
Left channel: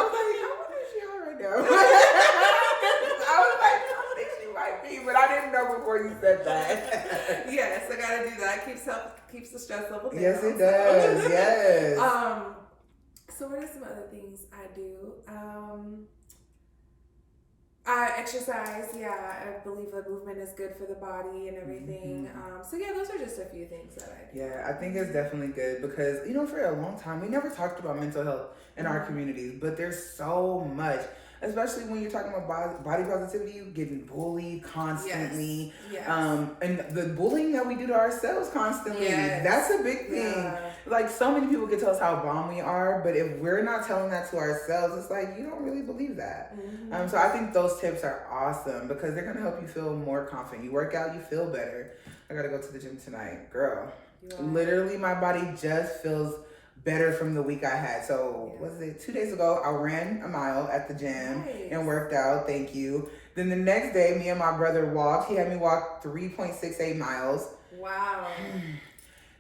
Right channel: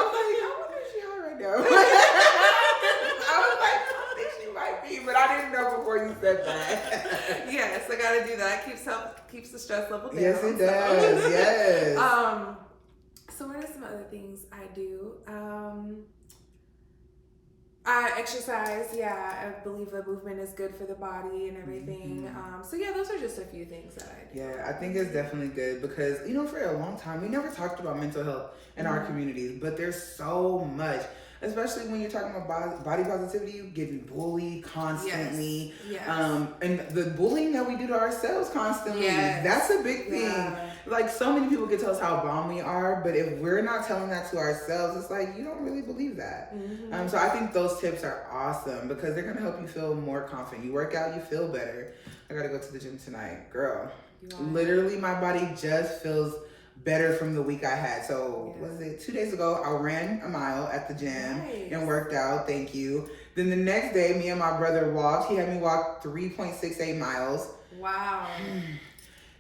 wonder if she's high right now. I was like, I think she might be, but I didn't know before you said that. Yes, I gotta do that. Keeps the stress level down. Yes, it does. Yes. So what are some other things I do? I exercise. Yeah, I believe that movement is good for the body and everything. So yeah, those are just a few things that I do. Yeah, I think it's definitely good because, you know, for a long time, we never talked about mental health in our communities, but there's so much. Especially when you're talking about body positivity, you're getting bullied constantly. Yes. And the bullying that we do to ourselves constantly, that's a big thing. Yeah. Like, so many people can tell us how bomb we are, but if we're not telling that to ourselves, it's like, you don't really believe that. So I think those tips are awesome because they're going to help you feel more confident. You work out, you feel better. I got to go to the gym tonight. Girl, literally my body just feels better from the week I had. So was it 2 days ago? I ran a mile at the gym and worked out. Thank you. Then the next day, me and my brother walked. He had me walk 3.68 miles. Wow.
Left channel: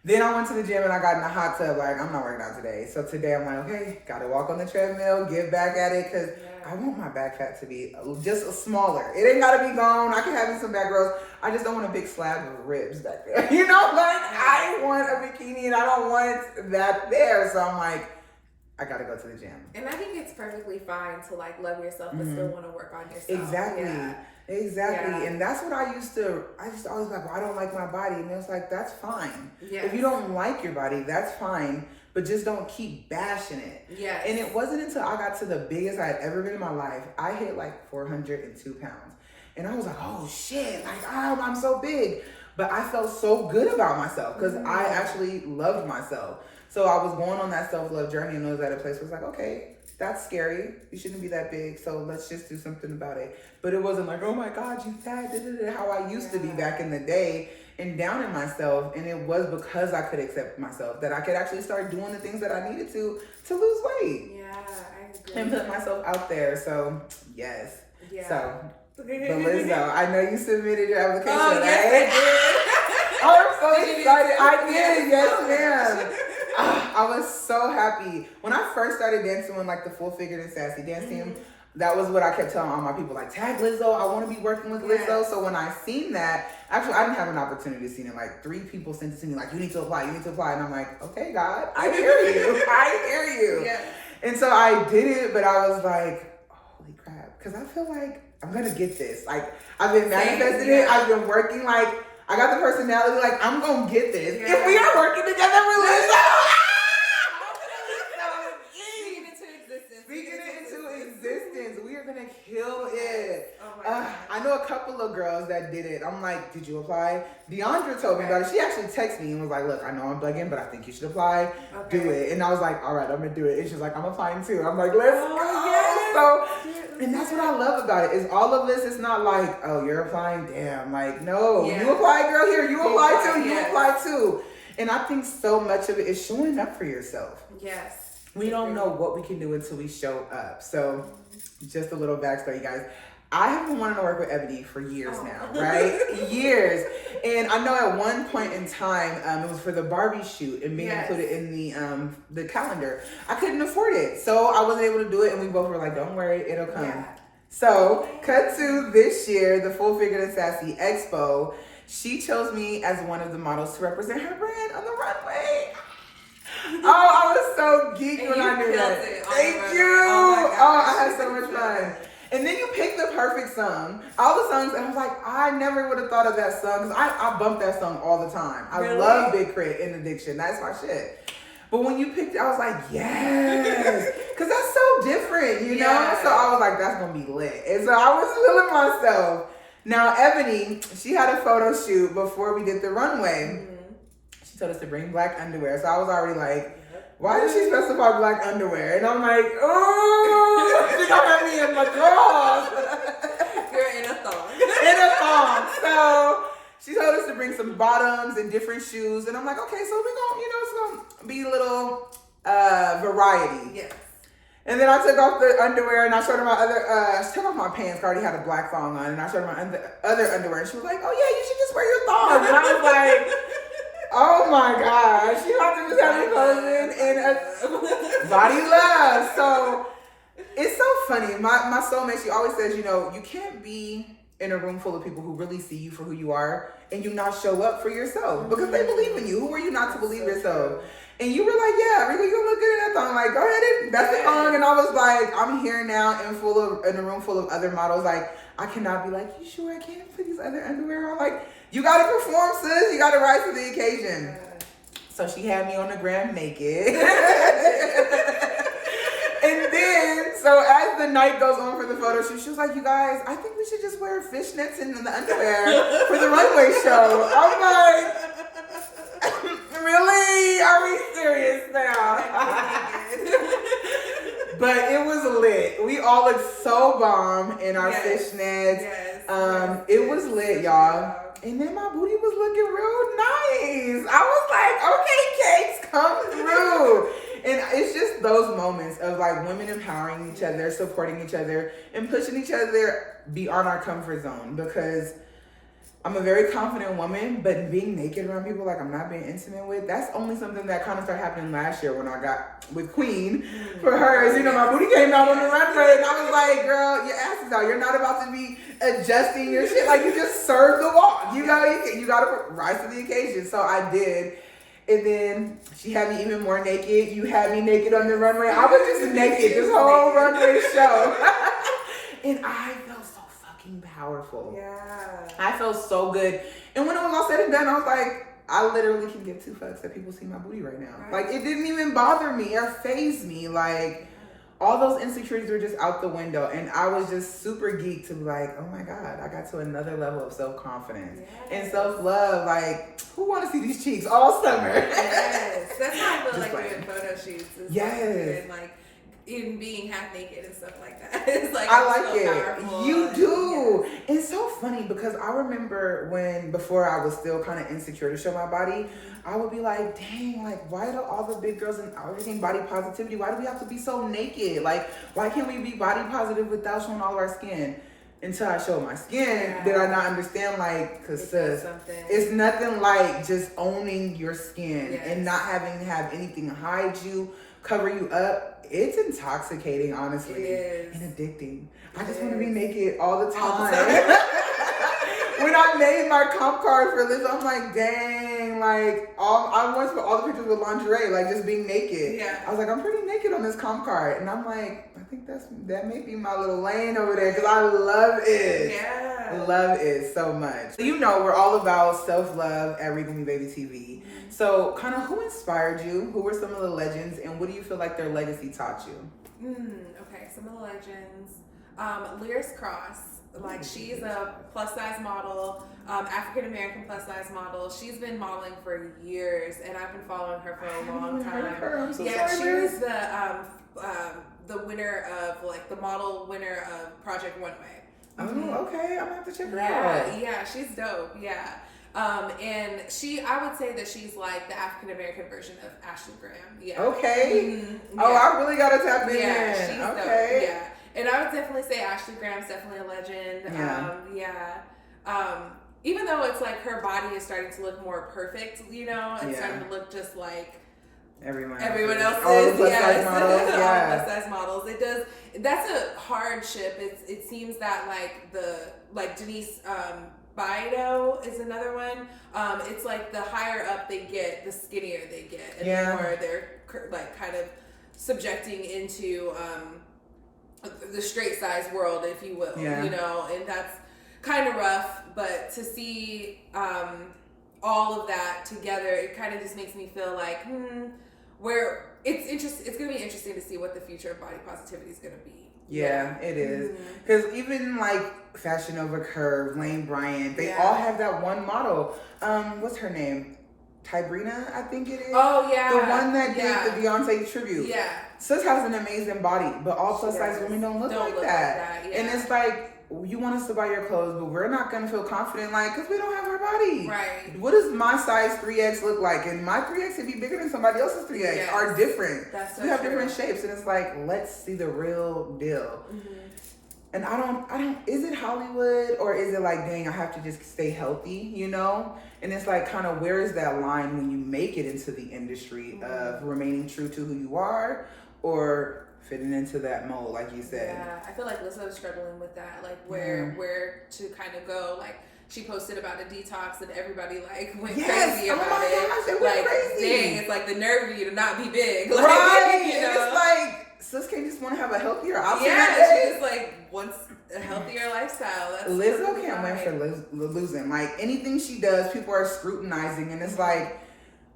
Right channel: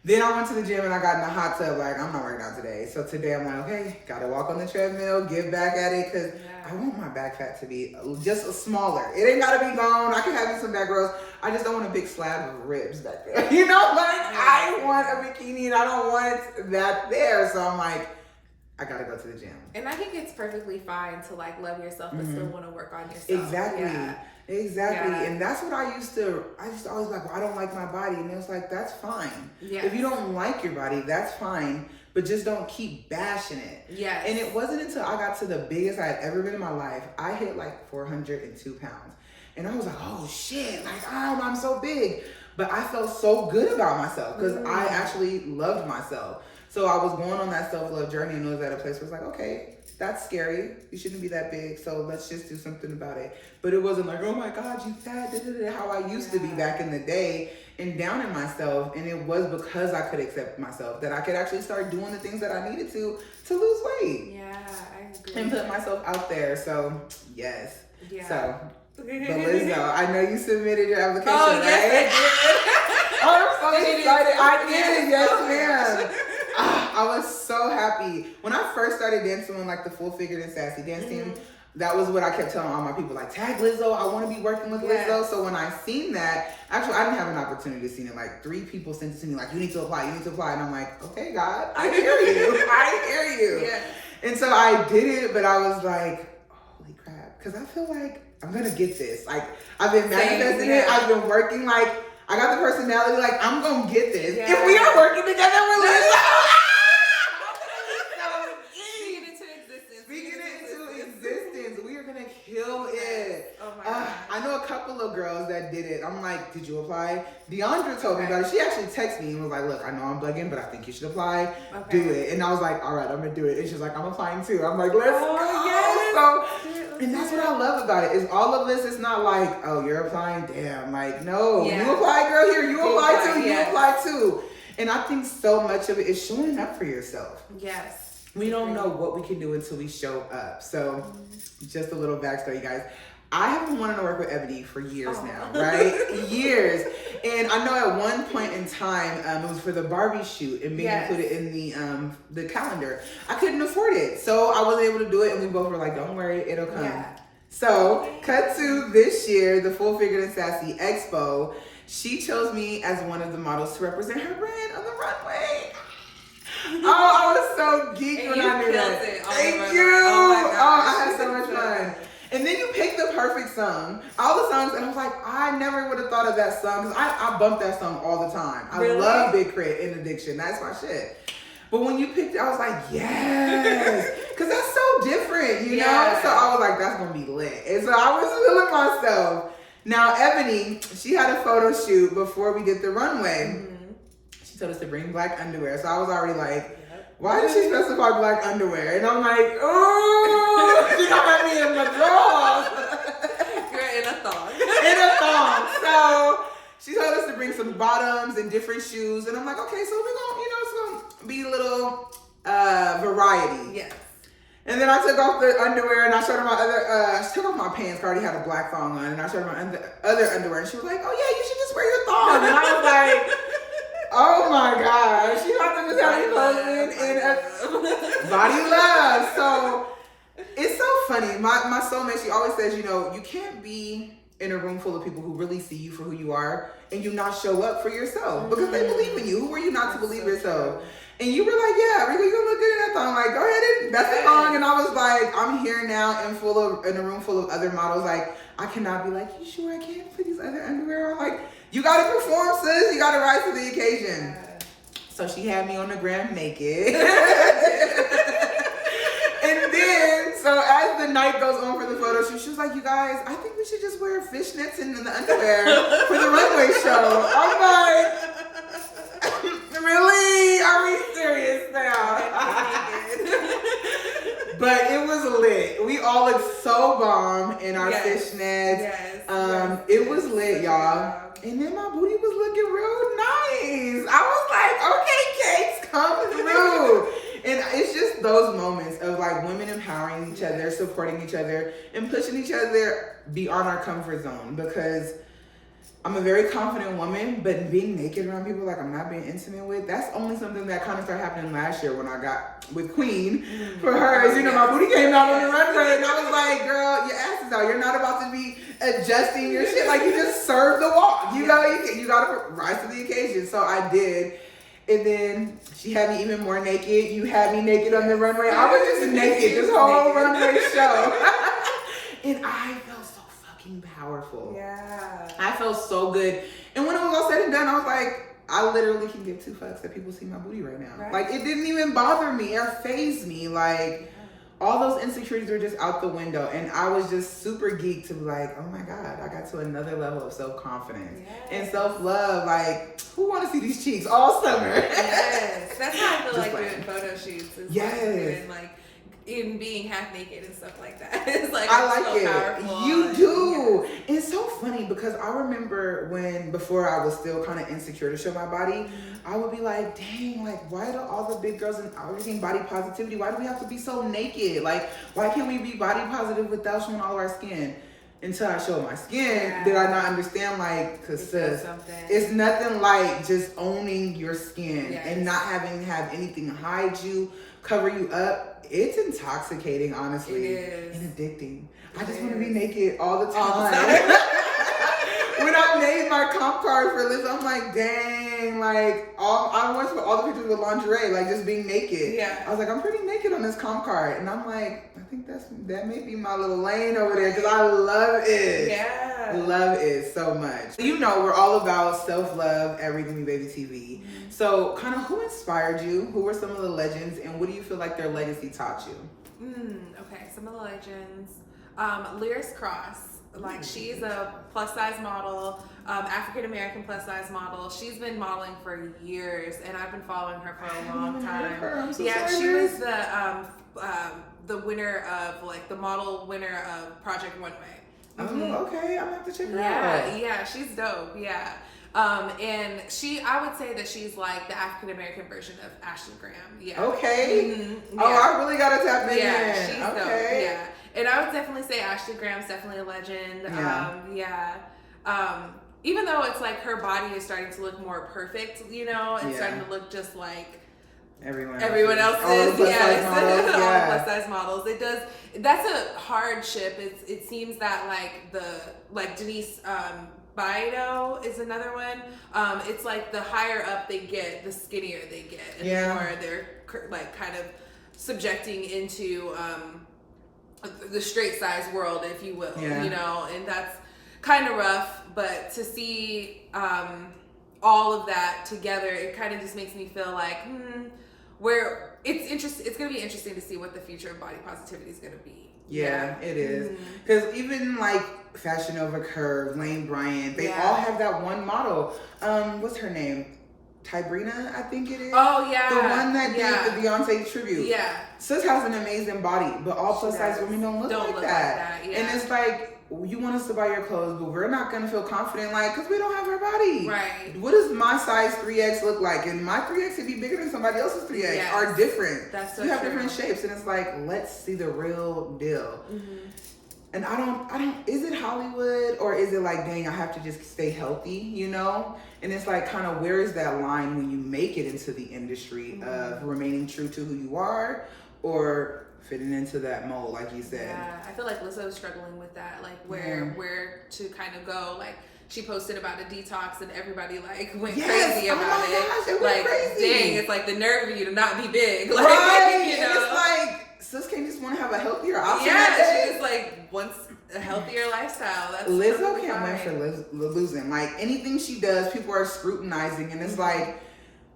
Then I went to the gym and I got in the hot tub. Like, I'm not working out today. So today I'm like, okay, got to walk on the treadmill, get back at it, because I want my back fat to be just smaller. It ain't got to be gone. I can have me some back rolls. I just don't want a big slab of ribs back there. You know, like, I want a bikini and I don't want that there. So I'm like, I got to go to the gym. And I think it's perfectly fine to, like, love yourself but still want to work on yourself. Exactly. Exactly. And that's what I used to always be like, well, I don't like my body. And it was like, that's fine. If you don't like your body, that's fine. But just don't keep bashing it. And it wasn't until I got to the biggest I had ever been in my life. I hit like 402 pounds. And I was like, oh shit, like, I'm so big. But I felt so good about myself because I actually loved myself. So I was going on that self-love journey and I was at a place where it's like, okay, that's scary. You shouldn't be that big. So let's just do something about it. But it wasn't like, oh my God, you fat, how I used to be back in the day and down in myself. And it was because I could accept myself that I could actually start doing the things that I needed to lose weight. Yeah, I agree. And put myself out there. So yes. So, but Lizzo, I know you submitted your application, right? Yes, I'm so excited. I did, yes ma'am. I was so happy. When I first started dancing on like the Full Figured and Sassy dance team, that was what I kept telling all my people, like, tag Lizzo, I want to be working with Lizzo. So when I seen that, actually I didn't have an opportunity to see it. Like 3 people sent it to me like, you need to apply. And I'm like, okay, God, I hear you. I hear you. And so I did it, but I was like, holy because I feel like I'm gonna get this. Like, I've been manifesting it. I've been working. Like, I got the personality. Like, I'm gonna get this. Yeah. If we are working together, we're like, we are gonna kill it. Oh my God. I know a couple of girls that did it. I'm like, did you apply? Deandra told me about it. She actually texted me and was like, look, I know I'm bugging, but I think you should apply. Okay. Do it. And I was like, all right, I'm gonna do it. And she's like, I'm applying too. I'm like, let's go. Yes. So, and that's what I love about it, is all of this. It's not like, oh, you're applying, damn. Like, no, you apply, girl, here, you apply too, you apply too. And I think so much of it is showing up for yourself. Yes. We don't know what we can do until we show up. So just a little backstory, guys. I have been wanting to work with Eboni for years now, right? Years. And I know at one point in time, it was for the Barbie shoot and being included in the calendar. I couldn't afford it. So I wasn't able to do it. And we both were like, don't worry, it'll come. Yeah. So cut to this year, the Full Figured and Sassy Expo. She chose me as one of the models to represent her brand on the runway. Oh, I was so geeked when I knew that. Thank you. Oh, I had so much fun. And then you picked the perfect song. All the songs, and I was like, I never would have thought of that song, because I bump that song all the time. I love Big Crit and Addiction. That's my shit. But when you picked it, I was like, yes. Because that's so different, you know? So I was like, that's going to be lit. And so I was feeling myself. Now, Eboni, she had a photo shoot before we did the runway. She told us to bring black underwear. So I was already like, why did she specify black underwear? And I'm like, oh, she got me in my drawers. You're in a thong. In a thong. So she told us to bring some bottoms and different shoes. And I'm like, okay, so we're going to, it's going to be a little variety. Yes. And then I took off the underwear and I showed her my she took off my pants. I already had a black thong on. And I showed her my other underwear. And she was like, oh yeah, you should just wear your thong. And I was like, oh my gosh, you have to just have me posing in body love. So it's so funny. My soulmate, she always says, you can't be in a room full of people who really see you for who you are and you not show up for yourself because they believe in you. Who are you not to believe yourself? And you were like, yeah, Regal, you look good in that thong. Like, go ahead and that's the thong. And I was like, I'm here now in a room full of other models. Like, I cannot be like, you sure I can't put these other underwear on? Like, you got to perform, sis. You got to rise to the occasion. So she had me on the gram naked. And then, so as the night goes on for the photo shoot, she was like, you guys, I think we should just wear fishnets and the underwear for the runway show. I'm like, really? Are we serious now? But it was lit. We all looked so bomb in our fishnets. It was lit, y'all. And then my booty was looking real nice. I was like, okay, cakes, come through. And it's just those moments of like women empowering each other, supporting each other, and pushing each other beyond our comfort zone. Because I'm a very confident woman, but being naked around people like I'm not being intimate with, that's only something that kind of started happening last year when I got with Queen for hers. My booty came out on the runway and I was like, girl, your ass is out. You're not about to be adjusting your shit. Like, you just serve the walk. You gotta rise to the occasion. So I did. And then she had me even more naked. You had me naked on the runway. I was just naked this whole runway show. And I felt so fucking powerful. Yeah. I felt so good. And when it was all said and done, I was like, I literally can give two fucks that people see my booty right now. Right. Like, it didn't even bother me or faze me. Like, all those insecurities were just out the window. And I was just super geeked to be like, oh my God, I got to another level of self-confidence and self-love. Like, who want to see these cheeks all summer? Yes. That's how I feel like doing photo shoots. Yes. Like, even being half naked and stuff like that. It's like, I like it. Powerful. You do. Yeah. It's so funny because I remember before I was still kind of insecure to show my body, I would be like, dang, like, why do all the big girls and everything body positivity, why do we have to be so naked? Like, why can't we be body positive without showing all of our skin? Until I showed my skin, did I not understand, like, because it's nothing like just owning your skin and not having to have anything hide you, cover you up. It's intoxicating, honestly. It is. And addicting. I just want to be naked all the time. when I made my comp card for Liz, I'm like, dang, like I want to put all the pictures with lingerie, like just being naked. Yeah. I was like, I'm pretty naked on this comp card, and I'm like, I think that may be my little lane over there because I love it. Yeah. Love it so much. You know, we're all about self-love at Regal Me Baby TV. Mm-hmm. So, kind of, who inspired you? Who were some of the legends, and what do you feel like their legacy taught you? Okay, some of the legends. Lyris Cross, like she's a plus size model, African American plus size model. She's been modeling for years, and I've been following her for a long time. I'm so Yeah, sorry, she Liz. was the winner of like the model winner of Project One Way. Oh, okay. I'm gonna have to check her Yeah, out. yeah, she's dope. Yeah. And I would say that she's like the African American version of Ashley Graham. Yeah. Okay. Mm-hmm. Oh, Yeah. I really gotta tap in. Yeah, then. she's okay. dope. Yeah. And I would definitely say Ashley Graham's definitely a legend. Even though it's like her body is starting to look more perfect, you know, it's starting to look just like everyone else's. All the plus size models. All the Yeah. plus size models. It does. That's a hardship. It seems that like Denise Bido is another one. It's like the higher up they get, the skinnier they get, and the more they're like kind of subjecting into the straight size world, if you will. You know, and that's kind of rough. But to see all of that together, it kind of just makes me feel like where it's going to be interesting to see what the future of body positivity is going to be. Yeah, it is. Because even like Fashion Nova Curve, Lane Bryant, they all have that one model. What's her name? Tybrina, I think it is. Oh, yeah. The one that did the Beyonce tribute. Yeah. Sis has an amazing body, but all plus size women don't look like that. Yeah. And it's like, you want us to buy your clothes, but we're not going to feel confident, like, because we don't have our body. Right. What does my size 3X look like? And my 3X could be bigger than somebody else's 3X, are different. That's so we have true. different shapes, and it's like, let's see the real deal. And I don't, is it Hollywood, or is it like, dang, I have to just stay healthy, you know? And it's like, kind of, where is that line when you make it into the industry of remaining true to who you are, or fitting into that mold, like you said? Yeah, I feel like Lizzo's struggling with that, like where to kind of go. Like she posted about a detox, and everybody like went crazy about it. Gosh, they went crazy. Dang, it's like the nerve of you to not be big, like, right? You know? And it's like, sis can't just want to have a healthier option. Yeah, that day. she just like wants a healthier lifestyle. That's Lizzo can't win for losing. Like anything she does, people are scrutinizing, and it's like.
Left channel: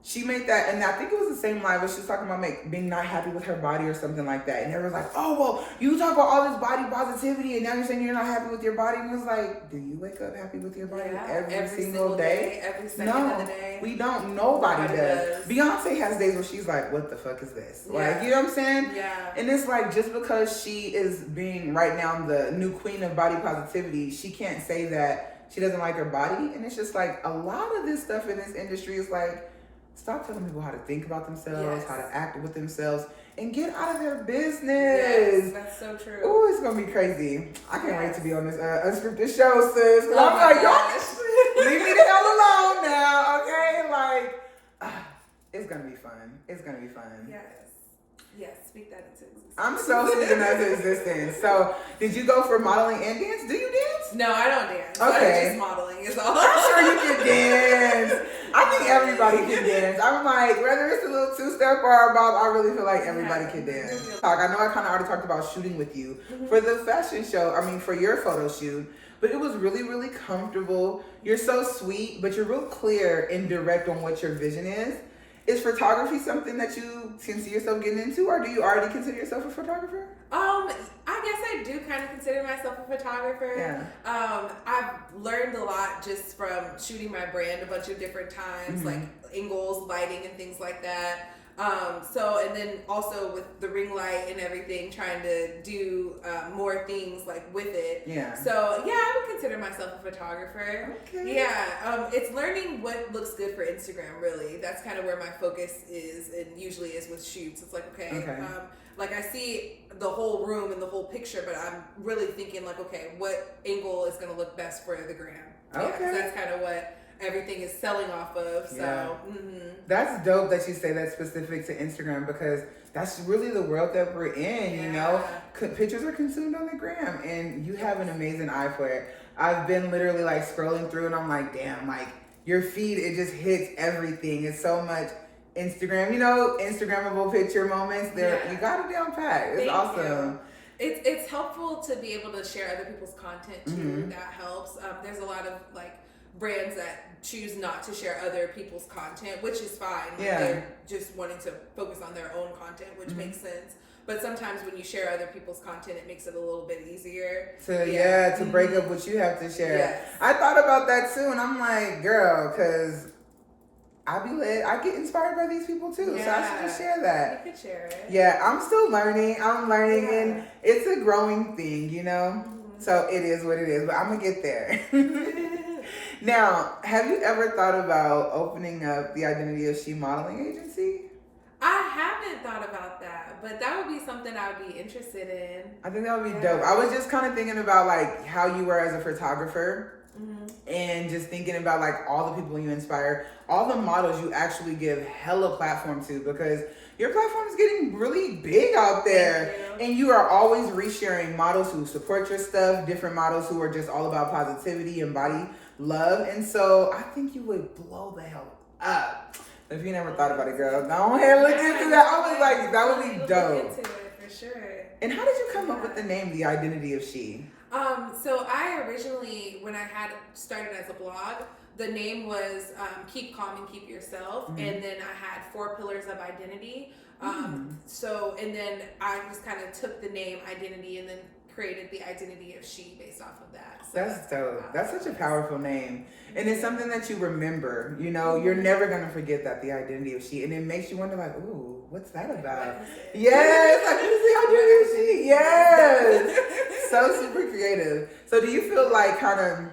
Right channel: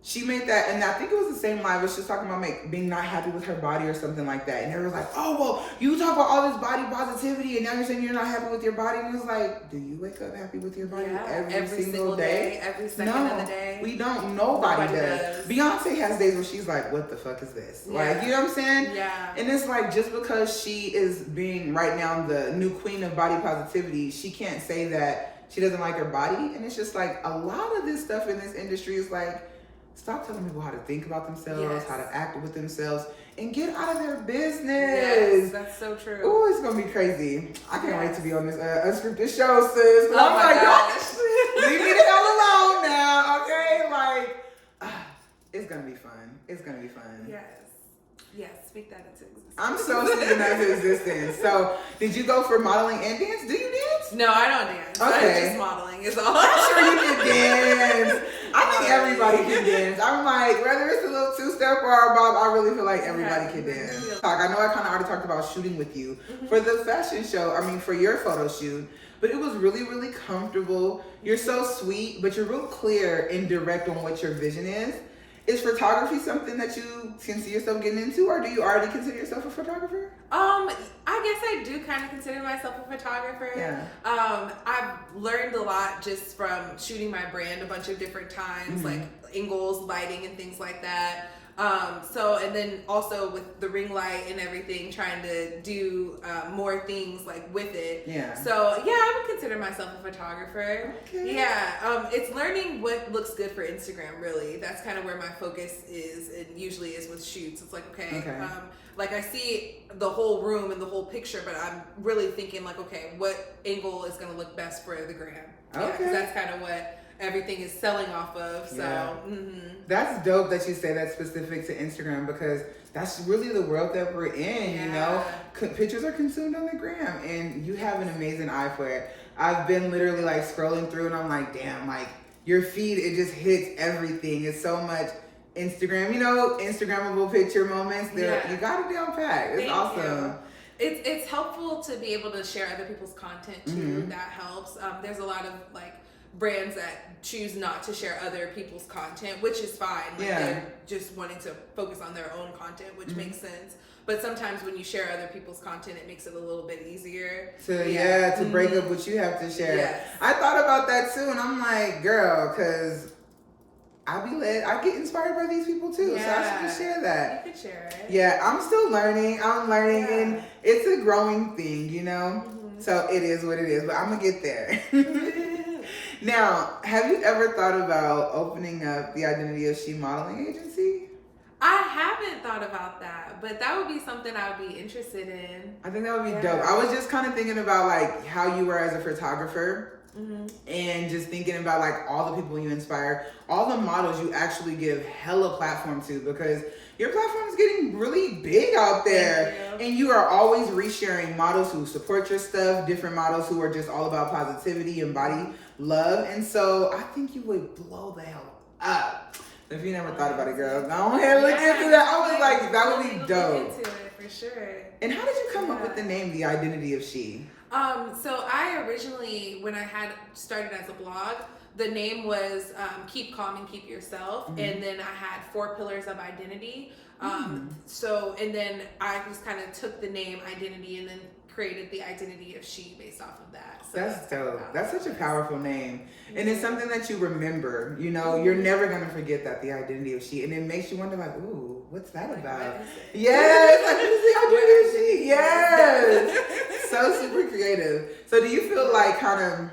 She made that, and I think it was the same live, but she was talking about being not happy with her body or something like that. And everyone's like, oh, well, you talk about all this body positivity, and now you're saying you're not happy with your body. And it's like, do you wake up happy with your body every single day? Every second of the day? We don't. Nobody does. Beyonce has days where she's like, what the fuck is this? Like, you know what I'm saying? Yeah. And it's like, just because she is being right now the new queen of body positivity, she can't say that she doesn't like her body. And it's just like, a lot of this stuff in this industry is like, stop telling people how to think about themselves, how to act with themselves, and get out of their business. Yes, that's so true. Oh, it's gonna be crazy. I can't wait to be on this unscripted show, sis. Oh I'm like, y'all leave me the hell alone now, okay? Like, it's gonna be fun. It's gonna be fun. Yes, speak that into existence. I'm so speaking that into existence. So, did you go for modeling and dance? Do you dance? No, I don't dance. Okay. I'm just modeling is all. I'm sure you can dance. I think everybody can dance. I'm like, whether it's a little two-step or a bob, I really feel like everybody can dance. I know I kind of already talked about shooting with you for the fashion show. I mean, for your photo shoot. But it was really, really comfortable. You're so sweet, but you're real clear and direct on what your vision is. Is photography something that you can see yourself getting into, or do you already consider yourself a photographer? I guess I do kind of consider myself a photographer. Yeah. I've learned a lot just from shooting my brand a bunch of different times, like angles, lighting, and things like that. And then also with the ring light and everything, trying to do more things like with it. Yeah. So yeah, I would consider myself a photographer. Okay. Yeah. It's learning what looks good for Instagram. Really, that's kind of where my focus is, and usually is with shoots. It's like like I see the whole room and the whole picture, but I'm really thinking like, okay, what angle is going to look best for the gram? Okay. Yeah, that's kind of what everything is selling off of. So that's dope that you say that's specific to Instagram, because that's really the world that we're in. You know, pictures are consumed on the gram, and you have an amazing eye for it. I've been literally like scrolling through and I'm like, damn, like your feed, it just hits everything. It's so much Instagram, Instagrammable picture moments. You got it down pat. It's awesome. It's helpful to be able to share other people's content too. That helps. There's a lot of like brands that choose not to share other people's content, which is fine. Like they're just wanting to focus on their own content, which makes sense. But sometimes when you share other people's content, it makes it a little bit easier to break up what you have to share. Yes. I thought about that too, and I'm like, girl, because I get inspired by these people too, so I should just share that. You could share it. Yeah, I'm still learning. And it's a growing thing, So it is what it is, but I'm gonna get there. Now, have you ever thought about opening up the Identity of She modeling agency? I haven't thought about that, but that would be something I would be interested in. I think that would be dope. I was just kind of thinking about like how you were as a photographer. And just thinking about like all the people you inspire, all the models you actually give hella platform to, because your platform is getting really big out there. And you are always resharing models who support your stuff, different models who are just all about positivity and body love. And so I think you would blow the hell up. If you never thought about it, girl, go ahead and look into that. I was like, that would be dope. Into it, for sure. And how did you come up with the name, The Identity of She? So I originally, when I had started as a blog, the name was Keep Calm and Keep Yourself. And then I had 4 pillars of identity. So, and then I just kind of took the name identity and then created the Identity of She based off of that. So that's dope. That's such a powerful name. And it's something that you remember, you're never going to forget that, the Identity of She. And it makes you wonder like, ooh, what's that about? Yes, like, what is the Identity of She? Yes. So super creative. So do you feel like kind of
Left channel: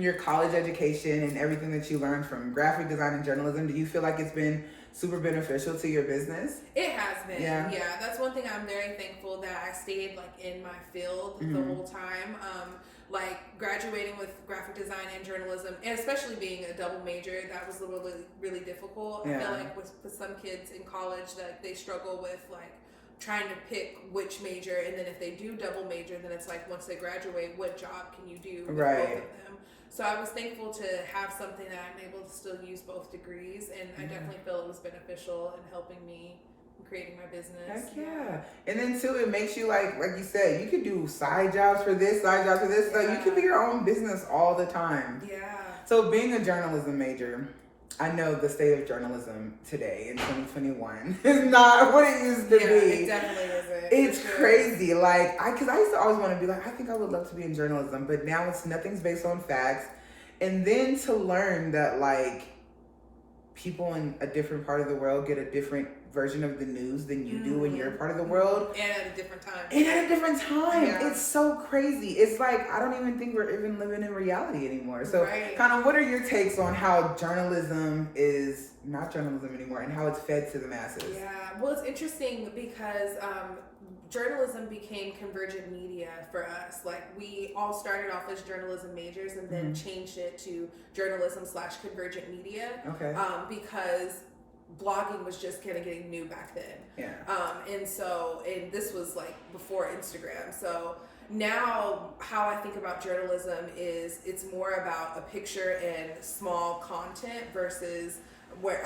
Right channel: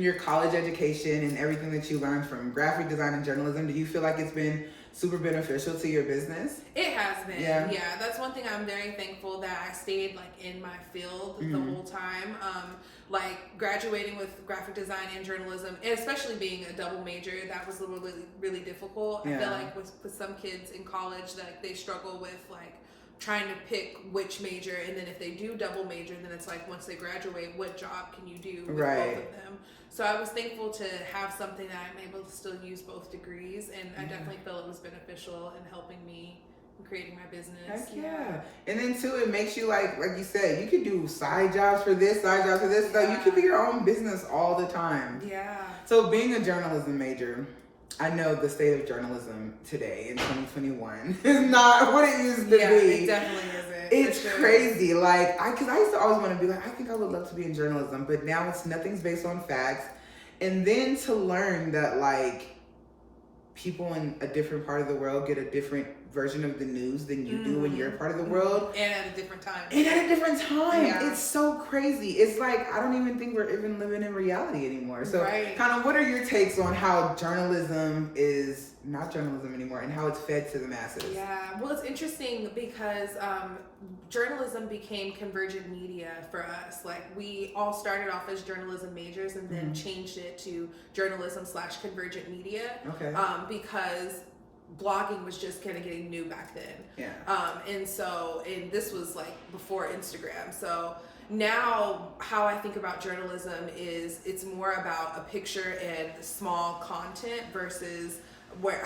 your college education and everything that you learned from graphic design and journalism, do you feel like it's been super beneficial to your business? It has been. Yeah, that's one thing I'm very thankful that I stayed like in my field the whole time. Like graduating with graphic design and journalism, and especially being a double major, that was really, really difficult. I feel like with some kids in college, like they struggle with like trying to pick which major, and then if they do double major, then it's like once they graduate, what job can you do with both of them? So I was thankful to have something that I'm able to still use both degrees, and I definitely feel it was beneficial in helping me in creating my business. Heck yeah. And then too, it makes you like you said, you could do side jobs for this, side jobs for this. So you could be your own business all the time. Yeah. So being a journalism major, I know the state of journalism today in 2021 is not what it used to be. It definitely isn't. It's crazy. Like, because I used to always want to be like, I think I would love to be in journalism, but now nothing's based on facts. And then to learn that like people in a different part of the world get a different version of the news than you do in your part of the world. And at a different time. Yeah. It's so crazy. It's like, I don't even think we're even living in reality anymore. So kind of what are your takes on how journalism is not journalism anymore and how it's fed to the masses? Yeah, well, it's interesting because journalism became convergent media for us. Like we all started off as journalism majors and then changed it to journalism/convergent media. Okay. Because blogging was just kind of getting new back then. And this was like before Instagram. So now how I think about journalism is it's more about a picture and small content versus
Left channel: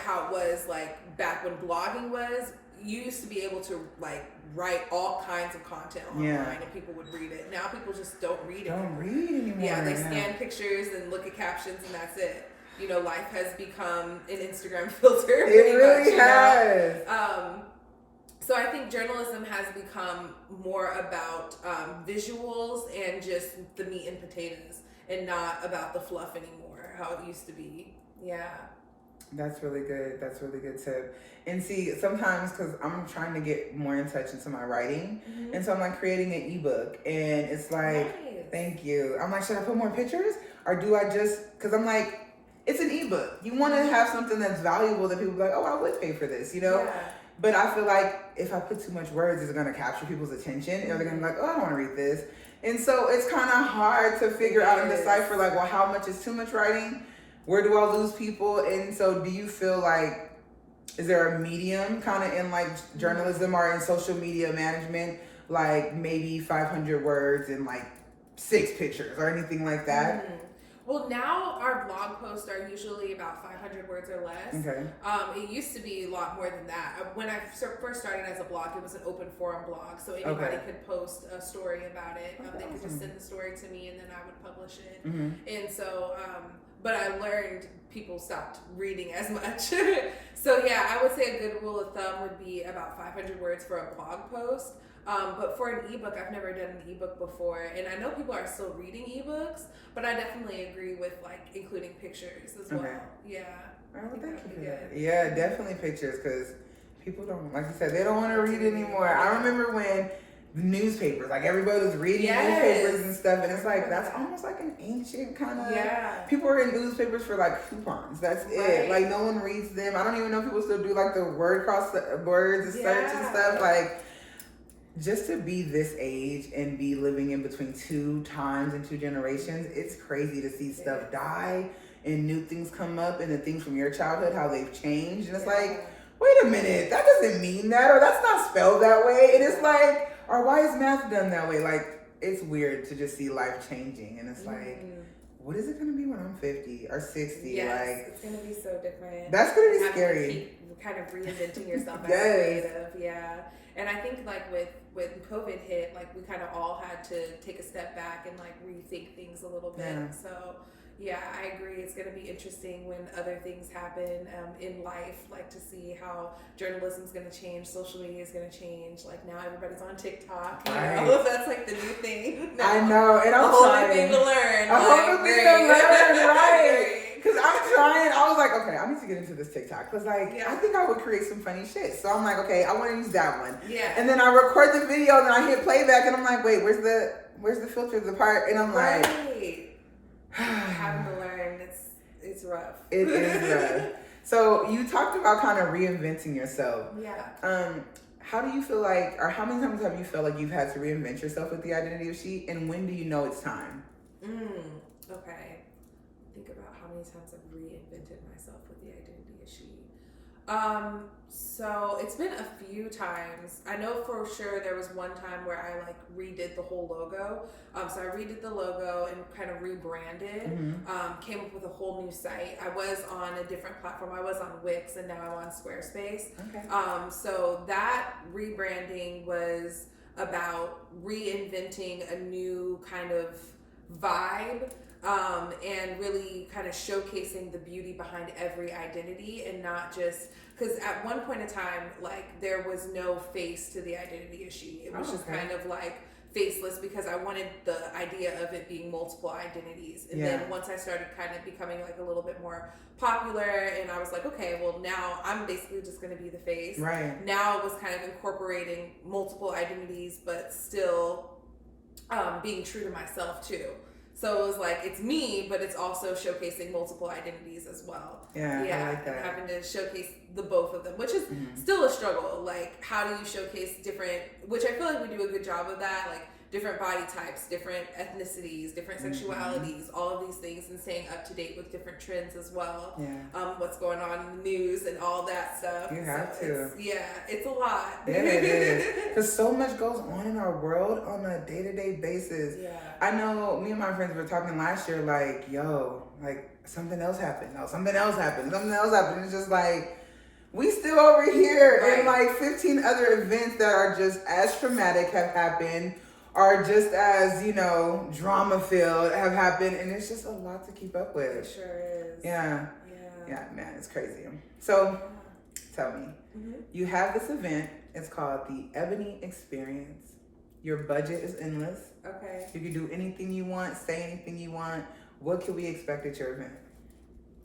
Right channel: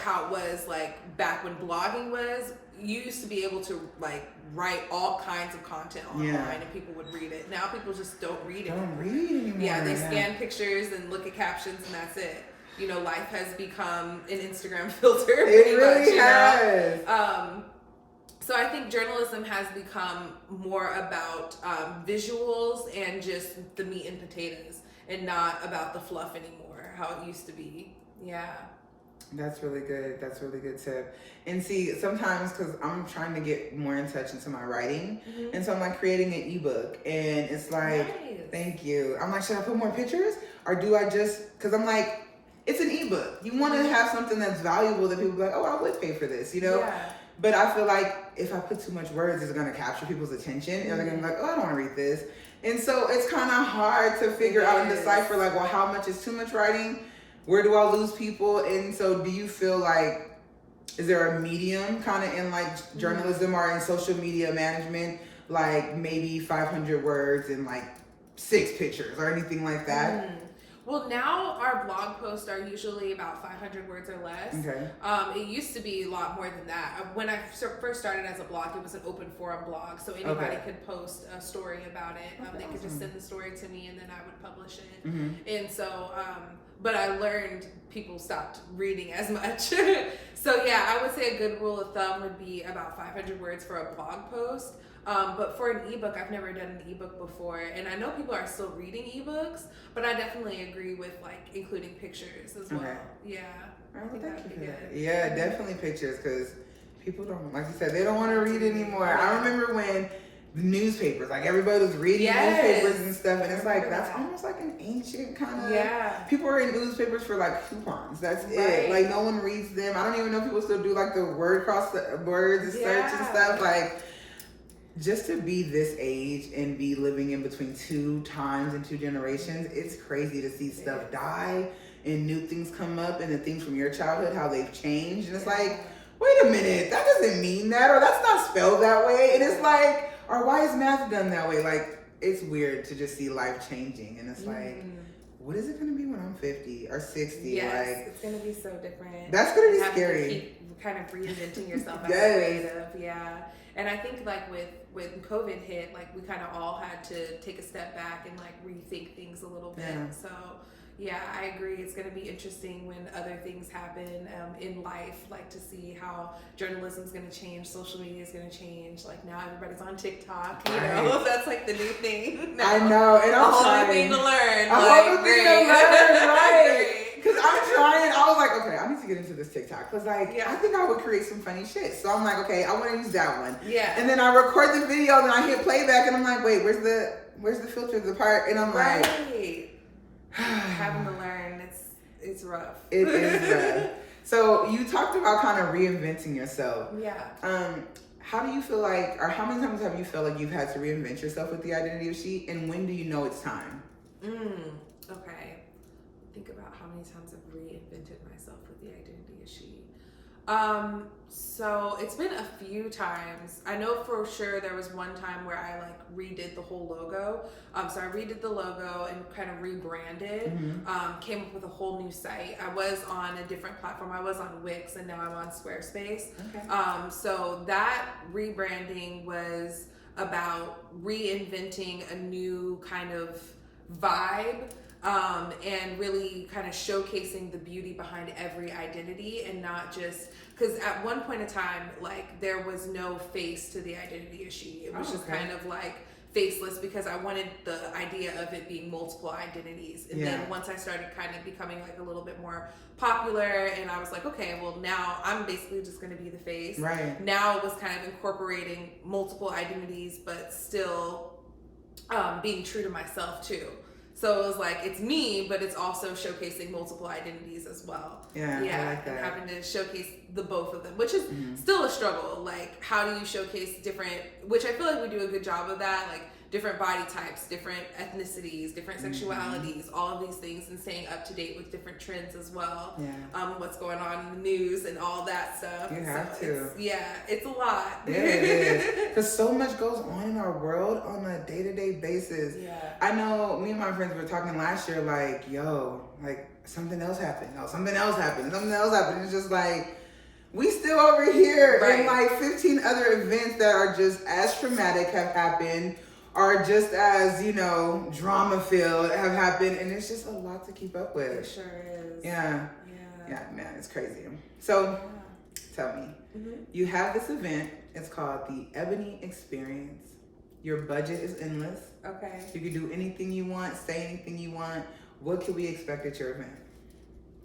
how it was like back when blogging was. You used to be able to like write all kinds of content online and people would read it. Now people just don't read it. Don't read anymore. Yeah, they scan pictures and look at captions and that's it. Life has become an Instagram filter. It really has. So I think journalism has become more about visuals and just the meat and potatoes and not about the fluff anymore, how it used to be. Yeah. That's really good. That's a really good tip. And see, sometimes because I'm trying to get more in touch into my writing, and so I'm like creating an ebook, and it's like, thank you. I'm like, should I put more pictures, or do I just? Because I'm like, it's an ebook. You want to have something that's valuable that people are like, oh, I would pay for this, Yeah. But I feel like if I put too much words, it's going to capture people's attention, and they're going to be like, oh, I don't want to read this. And so it's kind of hard to figure out and decipher like, well, how much is too much writing? Where do I lose people? And so do you feel like, is there a medium kind of in like journalism or in social media management, like maybe 500 words and like 6 pictures or anything like that? Well, now our blog posts are usually about 500 words or less. Okay. It used to be a lot more than that. When I first started as a blog, it was an open forum blog, so anybody could post a story about it. They could just send the story to me, and then I would publish it. And so, but I learned people stopped reading as much. So yeah, I would say a good rule of thumb would be about 500 words for a blog post. But for an ebook, I've never done an ebook before, and I know people are still reading ebooks, but I definitely agree with like including pictures as well. Yeah. Oh, thank you for that. Yeah, definitely pictures, because people don't, like you said, they don't want to read anymore. I remember when the newspapers, like everybody was reading newspapers and stuff, and it's like that's almost like an ancient kind of. People are in newspapers for like coupons. That's it. Like no one reads them. I don't even know if people still do like the word cross words and search and stuff. Like, just to be this age and be living in between 2 times and 2 generations, it's crazy to see stuff die and new things come up, and the things from your childhood, how they've changed. And it's like, wait a minute, that doesn't mean that, or that's not spelled that way. And it's like, or why is math done that way? Like, it's weird to just see life changing. And it's like, what is it going to be when I'm 50 or 60? Yes, like, it's going to be so different. That's going to be scary. To keep kind of reinventing yourself as creative. Yeah. And I think like when COVID hit, like we kind of all had to take a step back and like rethink things a little bit. So yeah, I agree. It's going to be interesting when other things happen in life, like to see how journalism is going to change, social media is going to change. Like now everybody's on TikTok. You know, that's like the new thing. Now. I know, and I'm a whole trying. new thing to learn. A whole new thing to learn, right? Because I'm trying. I was like, okay, I need to get into this TikTok. Because like, I think I would create some funny shit. So I'm like, okay, I want to use that one. Yeah. And then I record the video, and then I hit playback, and I'm like, wait, where's the filter, the part? And I'm like, having to learn, it's rough. It is rough. So you talked about kind of reinventing yourself. Yeah. How do you feel like, or how many times have you felt like you've had to reinvent yourself with the identity of she, and when do you know it's time? Okay. Think about how many times I've reinvented myself with the identity of she. So it's been a few times. I know for sure there was one time where I like redid the whole logo. So I redid the logo and kind of rebranded, came up with a whole new site. I was on a different platform. I was on Wix, and now I'm on Squarespace. Okay. So that rebranding was about reinventing a new kind of vibe. And really kind of showcasing the beauty behind every identity, and not just because at one point in time, like there was no face to the identity of she. It was just kind of like faceless, because I wanted the idea of it being multiple identities. And then once I started kind of becoming like a little bit more popular, and I was like, okay, well now I'm basically just going to be the face. Right. Now it was kind of incorporating multiple identities, but still being true to myself too. So it was like, it's me, but it's also showcasing multiple identities as well. Yeah, I like that. And having to showcase the both of them, which is still a struggle. Like, how do you showcase different, which I feel like we do a good job of that, like different body types, different ethnicities, different sexualities, all of these things, and staying up to date with different trends as well. Yeah. What's going on in the news and all that stuff. You have to. It's a lot. Yeah, it is. Because so much goes on in our world on a day-to-day basis. Yeah. I know me and my friends were talking last year, like, yo, like something else happened. No, something else happened. Something else happened. It's just like, we still over here, and like 15 other events that are just as traumatic have happened, are just as, you know, drama-filled have happened, and it's just a lot to keep up with. It sure is. Yeah, man, it's crazy. So, tell me, you have this event, it's called the Eboni Experience. Your budget is endless. Okay. You can do anything you want, say anything you want. What can we expect at your event?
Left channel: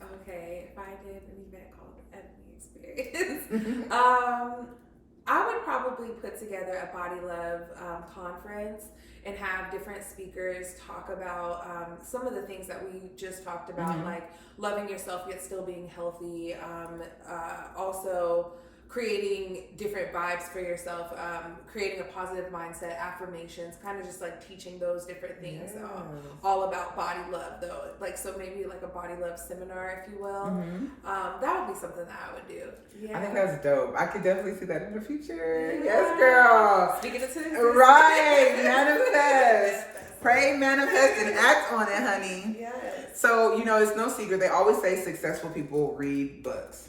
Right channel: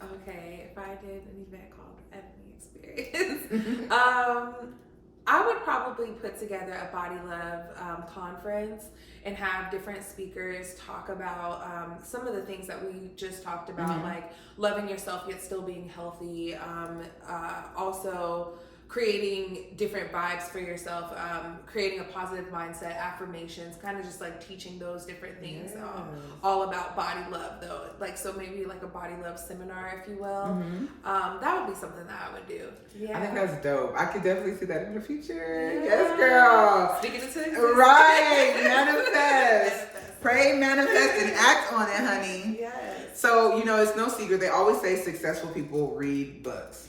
Okay, if I did an event called Eboni Experience, I would probably put together a body love conference and have different speakers talk about some of the things that we just talked about, like loving yourself yet still being healthy, also creating different vibes for yourself, creating a positive mindset, affirmations, kind of just like teaching those different things, all about body love though. Like, so maybe like a body love seminar, if you will. That would be something that I would do. Yeah. I think that's dope. I could definitely see that in the future. Yes, girl. Speaking of things. Right. Manifest. Pray, manifest, and act on it, honey. Yes. So, it's no secret. They always say successful people read books.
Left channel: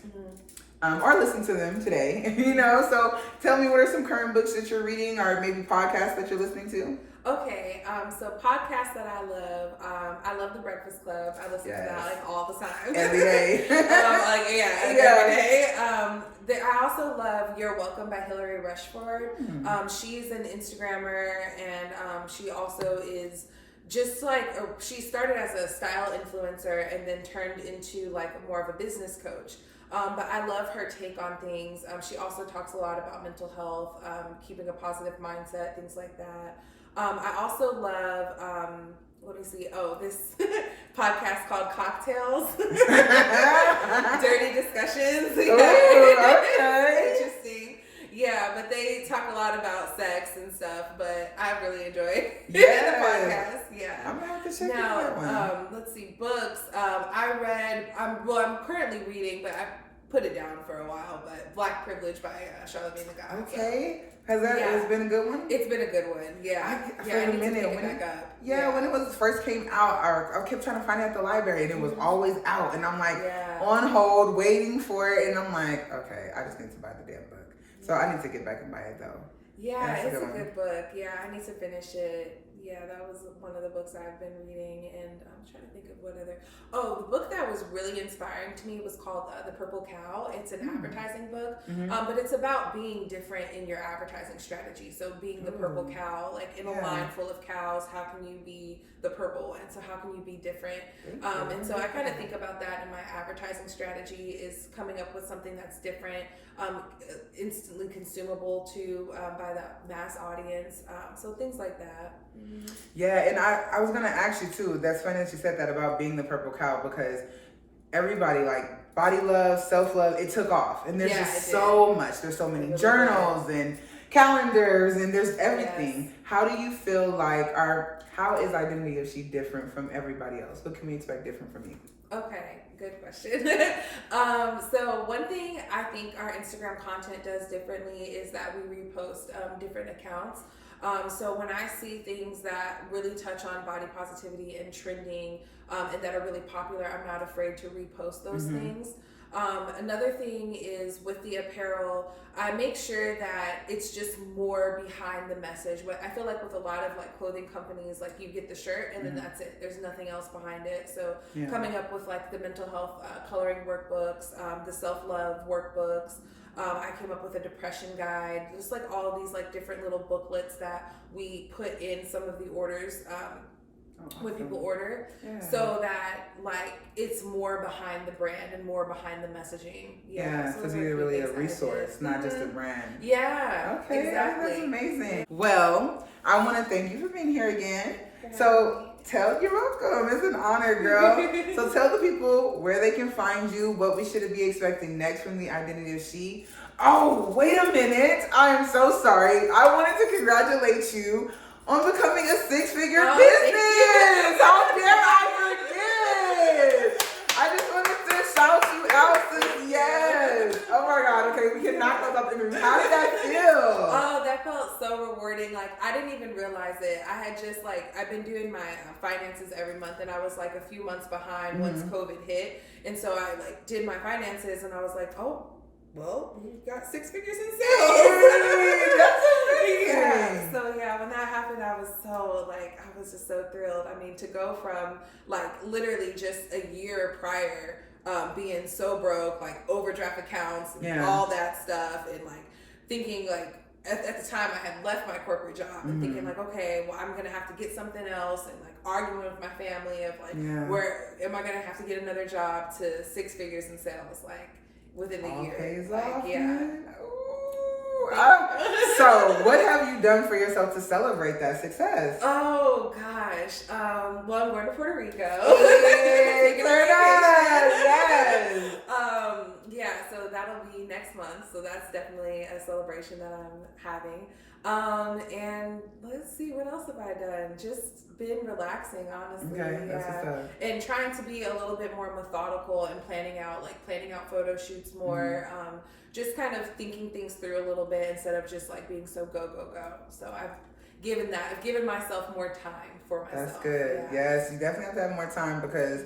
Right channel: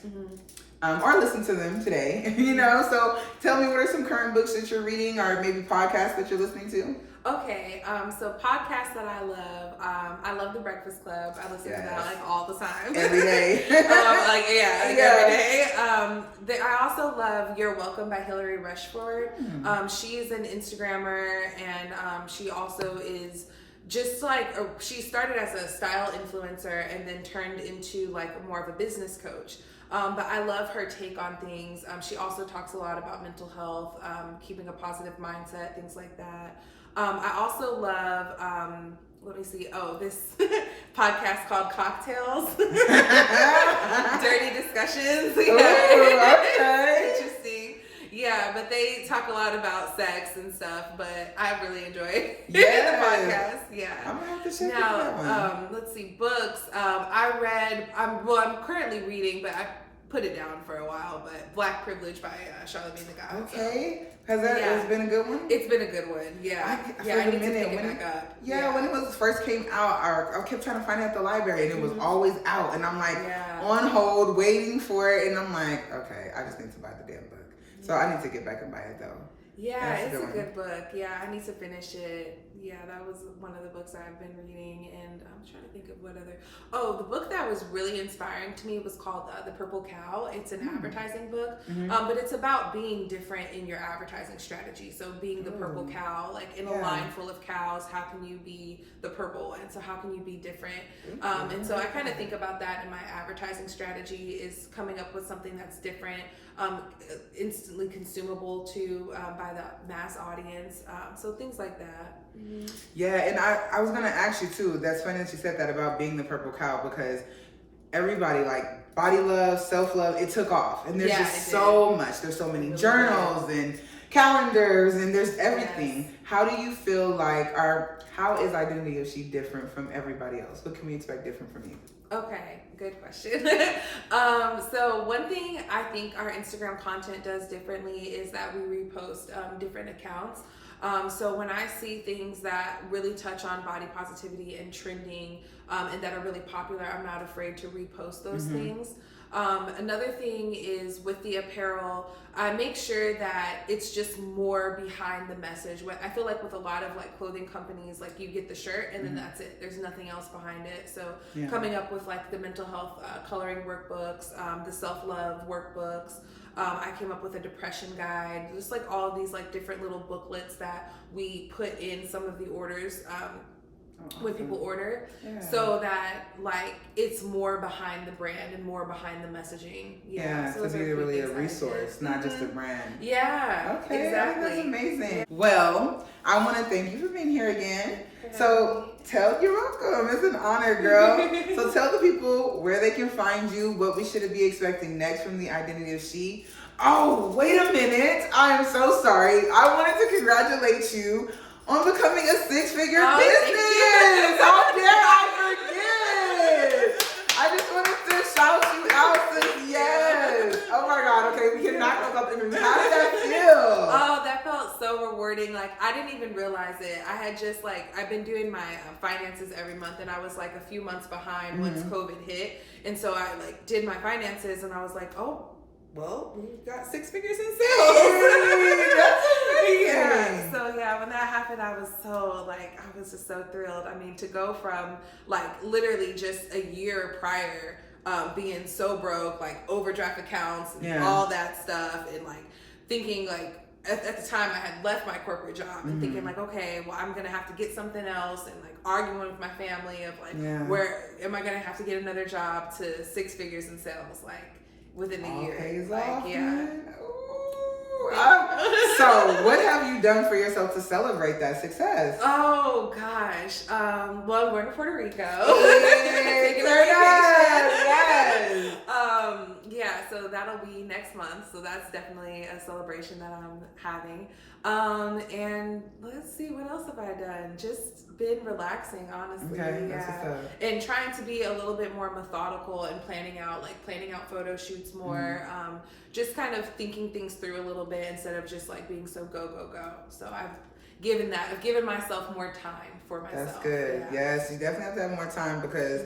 Or listen to them today, So tell me, what are some current books that you're reading, or maybe podcasts that you're listening to? Okay, so podcasts that I love The Breakfast Club. I listen to that like all the time. Every day. Every day. I also love You're Welcome by Hillary Rushford. She's an Instagrammer, and she also is just like, she started as a style influencer and then turned into like more of a business coach. But I love her take on things. She also talks a lot about mental health, keeping a positive mindset, things like that. I also love, this podcast called Cocktails. Dirty Discussions. Ooh, okay. Interesting. Yeah, but they talk a lot about sex and stuff, but I really enjoy the podcast. Yeah. I'm gonna have to check that one. Let's see, books. I'm currently reading, but I put it down for a while, but Black Privilege by Charlamagne the God. Okay. Has it been a good one? It's been a good one, yeah. I need to pick it back up. Yeah, when it first came out, I kept trying to find it at the library, and it was always out, and I'm like on hold, waiting for it, and I'm like, okay, I just need to buy the damn book. So I need to get back and buy it though. Yeah, it's a good book. Yeah, I need to finish it. Yeah, that was one of the books I've been reading, and I'm trying to think of what other. Oh, the book that was really inspiring to me was called The Purple Cow. It's an advertising book, but it's about being different in your advertising strategy. So being the purple cow, like in a line full of cows, how can you be the purple? And so how can you be different? And so I kind of think about that in my advertising strategy, is coming up with something that's different, instantly consumable to by the mass audience. So things like that. Yeah, and I was gonna ask you too. That's funny that you said that about being the purple cow, because everybody, like, body love, self-love, it took off, and there's just so much. There's so many journals and calendars, and there's everything. Yes. How do you feel like how is Identity of She different from everybody else? What can we expect different from you? Okay, good question. So one thing I think our Instagram content does differently is that we repost different accounts. So when I see things that really touch on body positivity and trending, and that are really popular, I'm not afraid to repost those things. Another thing is with the apparel, I make sure that it's just more behind the message. I feel like with a lot of like clothing companies, like you get the shirt and then that's it. There's nothing else behind it. So coming up with like the mental health coloring workbooks, the self-love workbooks. I came up with a depression guide, just like all of these like different little booklets that we put in some of the orders when people order, so that like it's more behind the brand and more behind the messing. So to be really a resource, not just a brand. Yeah. Okay, exactly. I think that's amazing. Well, I want to thank you for being here again. So you're welcome. It's an honor, girl. So tell the people where they can find you, what we should be expecting next from the Identity of She. Oh, wait a minute. I am so sorry. I wanted to congratulate you on becoming a six-figure business. How dare I forget? I just wanted to shout you out. Yes. Oh my God. Okay, we can knock those up. How did that feel? Oh, that felt so rewarding. Like, I didn't even realize it. I had just I've been doing my finances every month, and I was like a few months behind once COVID hit. And so I did my finances, and I was like, oh, well, we got 6 figures in sales. That's amazing. So when that happened, I was so I was just so thrilled. I mean, to go from literally just a year prior, being so broke, overdraft accounts and all that stuff, and thinking at the time I had left my corporate job and thinking okay, well, I'm gonna have to get something else, and arguing with my family of where am I gonna have to get another job, to 6 figures in sales within a year. So what have you done for yourself to celebrate that success? Oh gosh. Well, I'm going to Puerto Rico. Yes. So that'll be next month. So that's definitely a celebration that I'm having. And let's see, what else have I done? Just been relaxing, honestly. Okay, that's what's up. And trying to be a little bit more methodical and planning out photo shoots more. Just kind of thinking things through a little bit instead of just being so go. So given myself more time for myself. That's good. Yeah. Yes, you definitely have to have more time because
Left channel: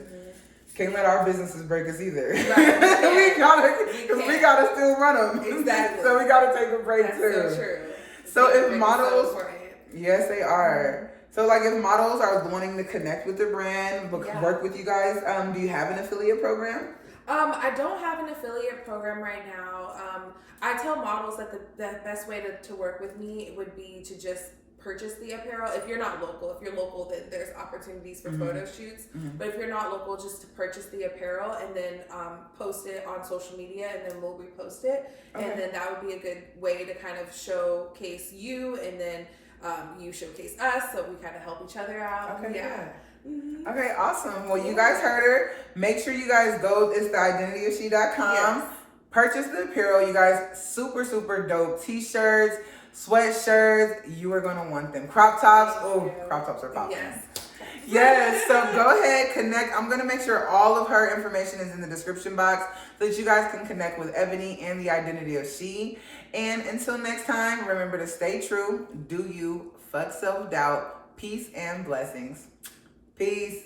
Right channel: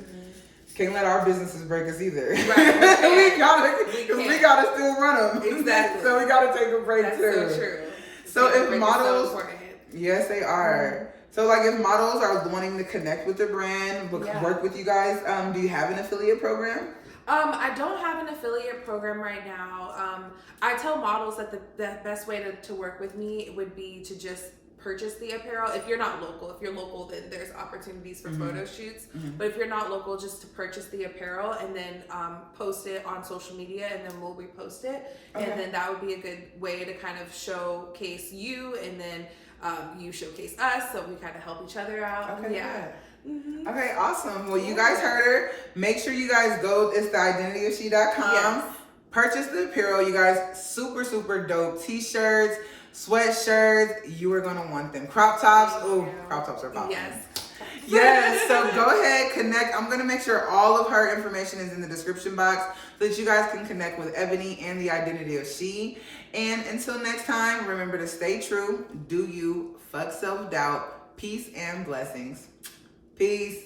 can't let our businesses break us either. Right, we gotta still run them. Exactly. So we gotta take a break That's too. so true. So if models, so important. yes, they are. So like if models are wanting to connect with the brand, work with you guys, do you have an affiliate program? I don't have an affiliate program right now. I tell models that the best way to work with me would be to just purchase the apparel. If you're not local, if you're local, then there's opportunities for photo shoots. But if you're not local, just to purchase the apparel and then post it on social media, and then we'll repost it. Okay. And then that would be a good way to kind of showcase you, and then you showcase us, so we kind of help each other out. Okay, yeah. Okay, awesome. Well, you guys heard her. Make sure you guys go. It's theidentityofshe.com. Yes. Purchase the apparel. You guys, super, super dope t-shirts, sweatshirts. You are going to want them. Crop tops. Oh, crop tops are popping. Yes. Yes, so go ahead, connect. I'm going to make sure all of her information is in the description box so that you guys can connect with Eboni and the Identity of She. And until next time, remember to stay true, do you, fuck self-doubt, peace and blessings. Peace.